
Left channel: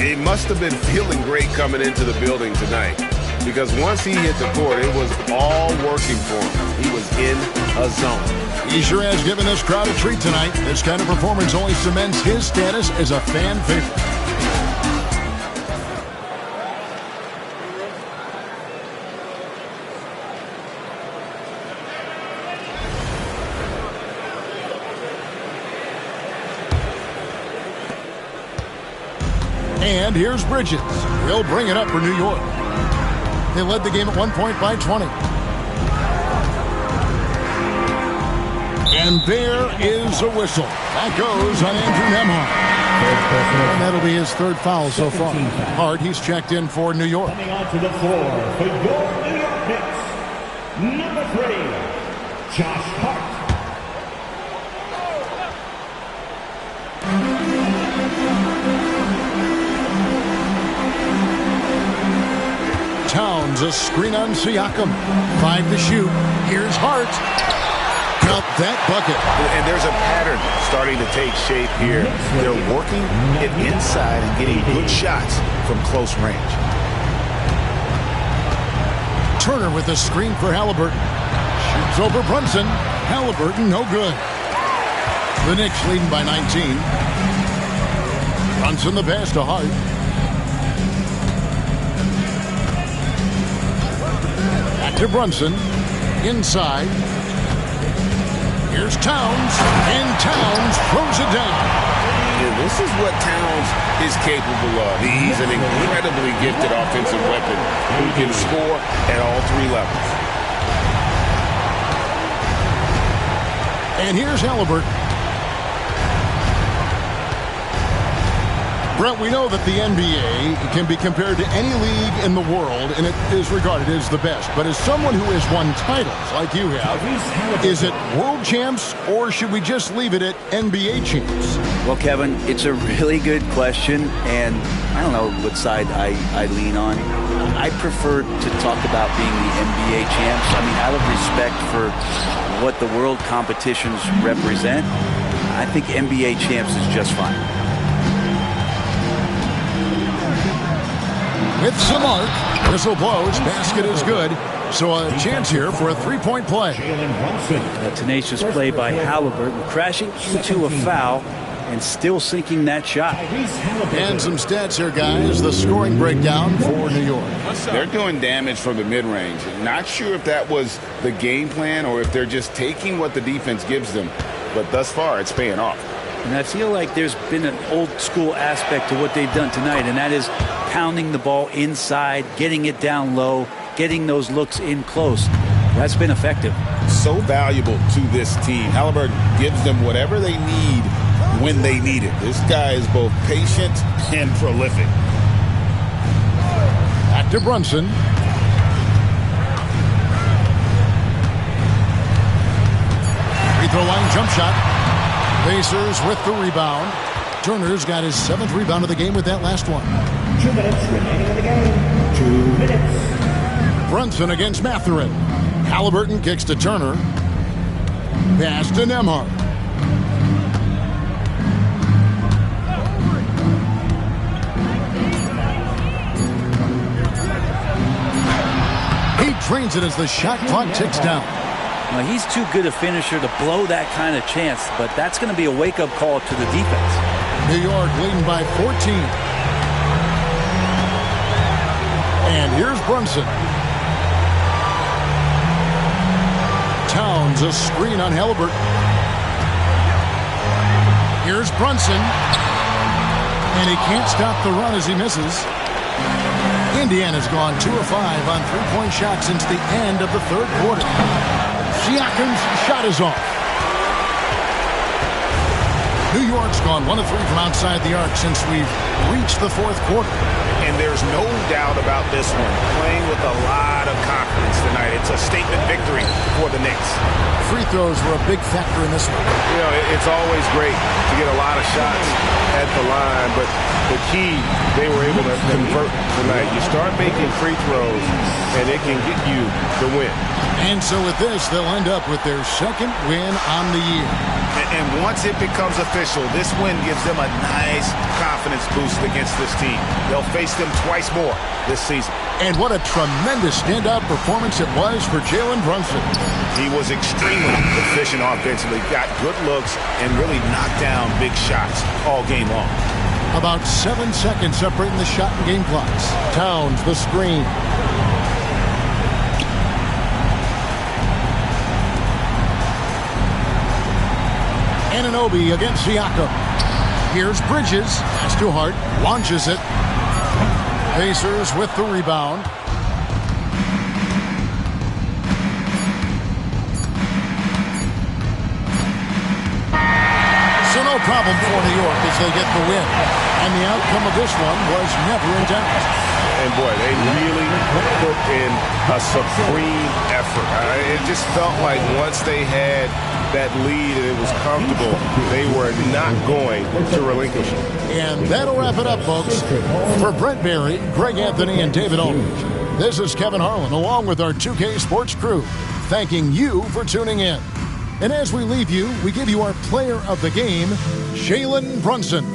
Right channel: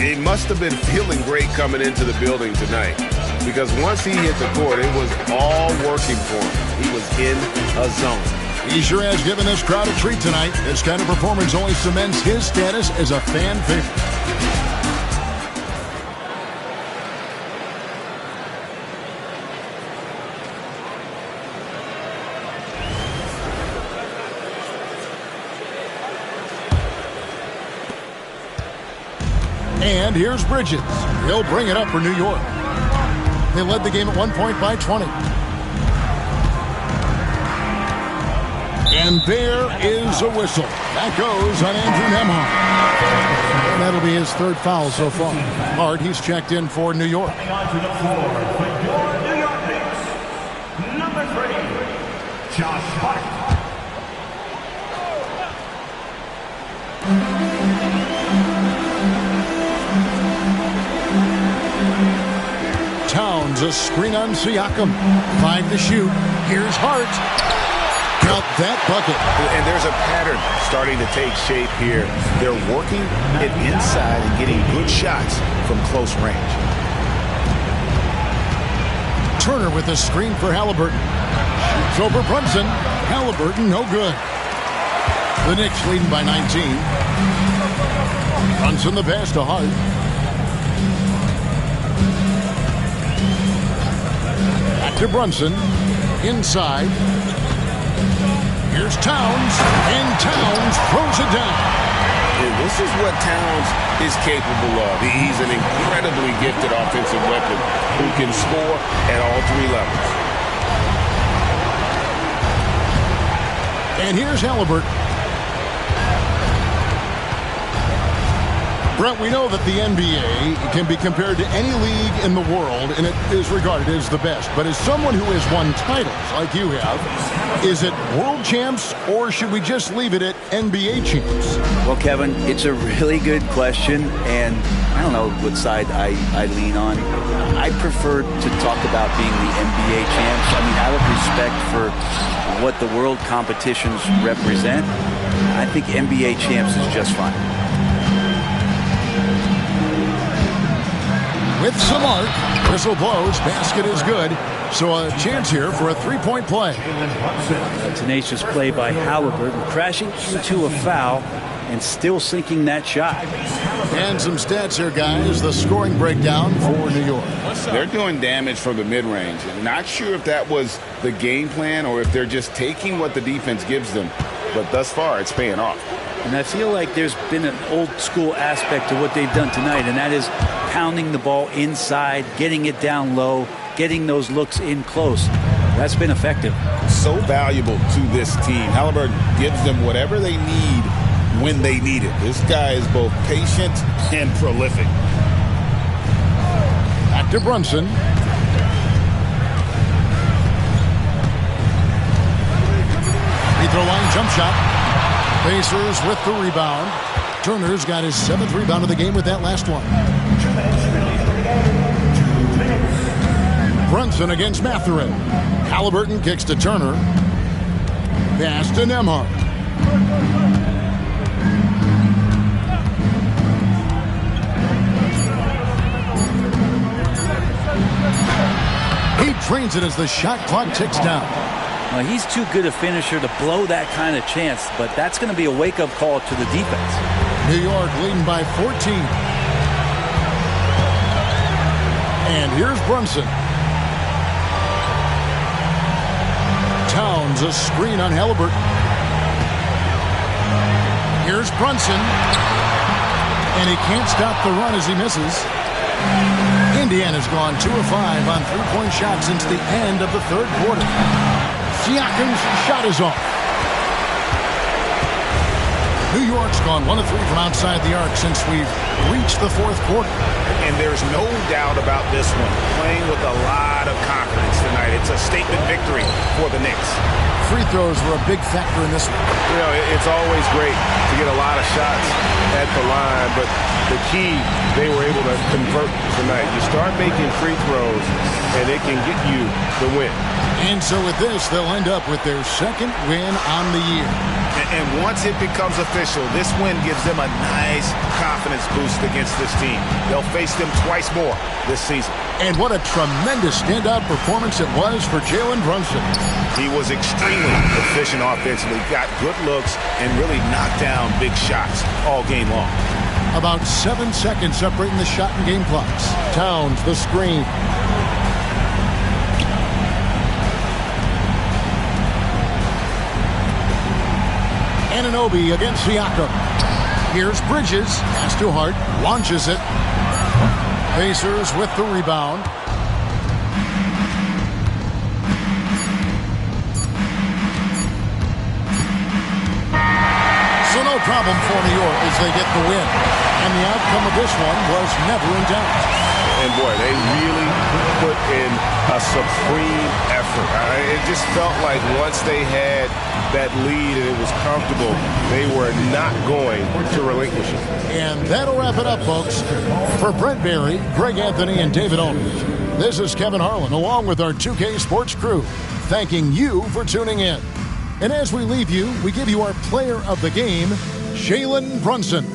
He must have been feeling great coming into the building tonight, because once he hit the court, it was all working for him. He was in a zone. He sure has given this crowd a treat tonight. This kind of performance only cements his status as a fan favorite. And here's Bridges. He'll bring it up for New York. They led the game at 1 point by 20. And there is a whistle. That goes on Andrew Nemhard. And that'll be his third foul so far. Hard, he's checked in for New York. Coming onto the floor for your New York Knicks, number 3, Josh Hart. Towns, a screen on Siakam. 5 to shoot. Here's Hart. Count that bucket. And there's a pattern starting to take shape here. They're working it inside and getting good shots from close range. Turner with a screen for Halliburton. Shoots over Brunson. Halliburton, no good. The Knicks leading by 19. Brunson the pass to Hart. Back to Brunson. Inside. Here's Towns. And Towns throws it down. Yeah, this is what Towns is capable of. He's an incredibly gifted offensive weapon who can score at all 3 levels. And here's Halliburton. Brent, we know that the NBA can be compared to any league in the world, and it is regarded as the best. But as someone who has won titles like you have, is it world champs, or should we just leave it at NBA champs? Well, Kevin, it's a really good question, and I don't know what side I lean on. I prefer to talk about being the NBA champs. I mean, out of respect for what the world competitions represent, I think NBA champs is just fine. With some arc, whistle blows, basket is good. So a chance here for a three-point play. A tenacious play by Halliburton, crashing into a foul and still sinking that shot. And some stats here, guys. The scoring breakdown for New York. They're doing damage from the mid-range. Not sure if that was the game plan or if they're just taking what the defense gives them. But thus far, it's paying off. And I feel like there's been an old-school aspect to what they've done tonight, and that is pounding the ball inside, getting it down low, getting those looks in close. That's been effective. So valuable to this team. Halliburton gives them whatever they need when they need it. This guy is both patient and prolific. Back to Brunson. Free throw line jump shot. Pacers with the rebound. Turner's got his 7th rebound of the game with that last one. 2 minutes remaining in the game. 2 minutes. Brunson against Mathurin. Halliburton kicks to Turner. Pass to Nembhard. He trains it as the shot clock ticks down. Well, he's too good a finisher to blow that kind of chance, but that's going to be a wake-up call to the defense. New York leading by 14. And here's Brunson. Towns a screen on Halliburton. Here's Brunson. And he can't stop the run as he misses. Indiana's gone 2 of 5 on three-point shots since the end of the 3rd quarter. Siakam's shot is off. New York's gone 1 of 3 from outside the arc since we've reached the 4th quarter. And there's no doubt about this one. Playing with a lot of confidence tonight. It's a statement victory for the Knicks. Free throws were a big factor in this one. You know, it's always great to get a lot of shots at the line, but the key, they were able to convert tonight. You start making free throws, and it can get you the win. And so with this, they'll end up with their 2nd win on the year. And once it becomes official, this win gives them a nice confidence boost against this team. They'll face them twice more this season. And what a tremendous standout performance it was for Jalen Brunson. He was extremely efficient offensively, got good looks, and really knocked down big shots all game long. About 7 seconds separating the shot and game clocks. Towns the screen. Anunoby against Siakam. Here's Bridges. Pass to Hart. Launches it. Pacers with the rebound. So no problem for New York as they get the win. And the outcome of this one was never in doubt. And boy, they really put in a supreme effort. It just felt like once they had that lead and it was comfortable, they were not going to relinquish it. And that'll wrap it up, folks. For Brent Barry, Greg Anthony, and David Aldridge, this is Kevin Harlan along with our 2K Sports crew, thanking you for tuning in. And as we leave you, we give you our player of the game, Jalen Brunson.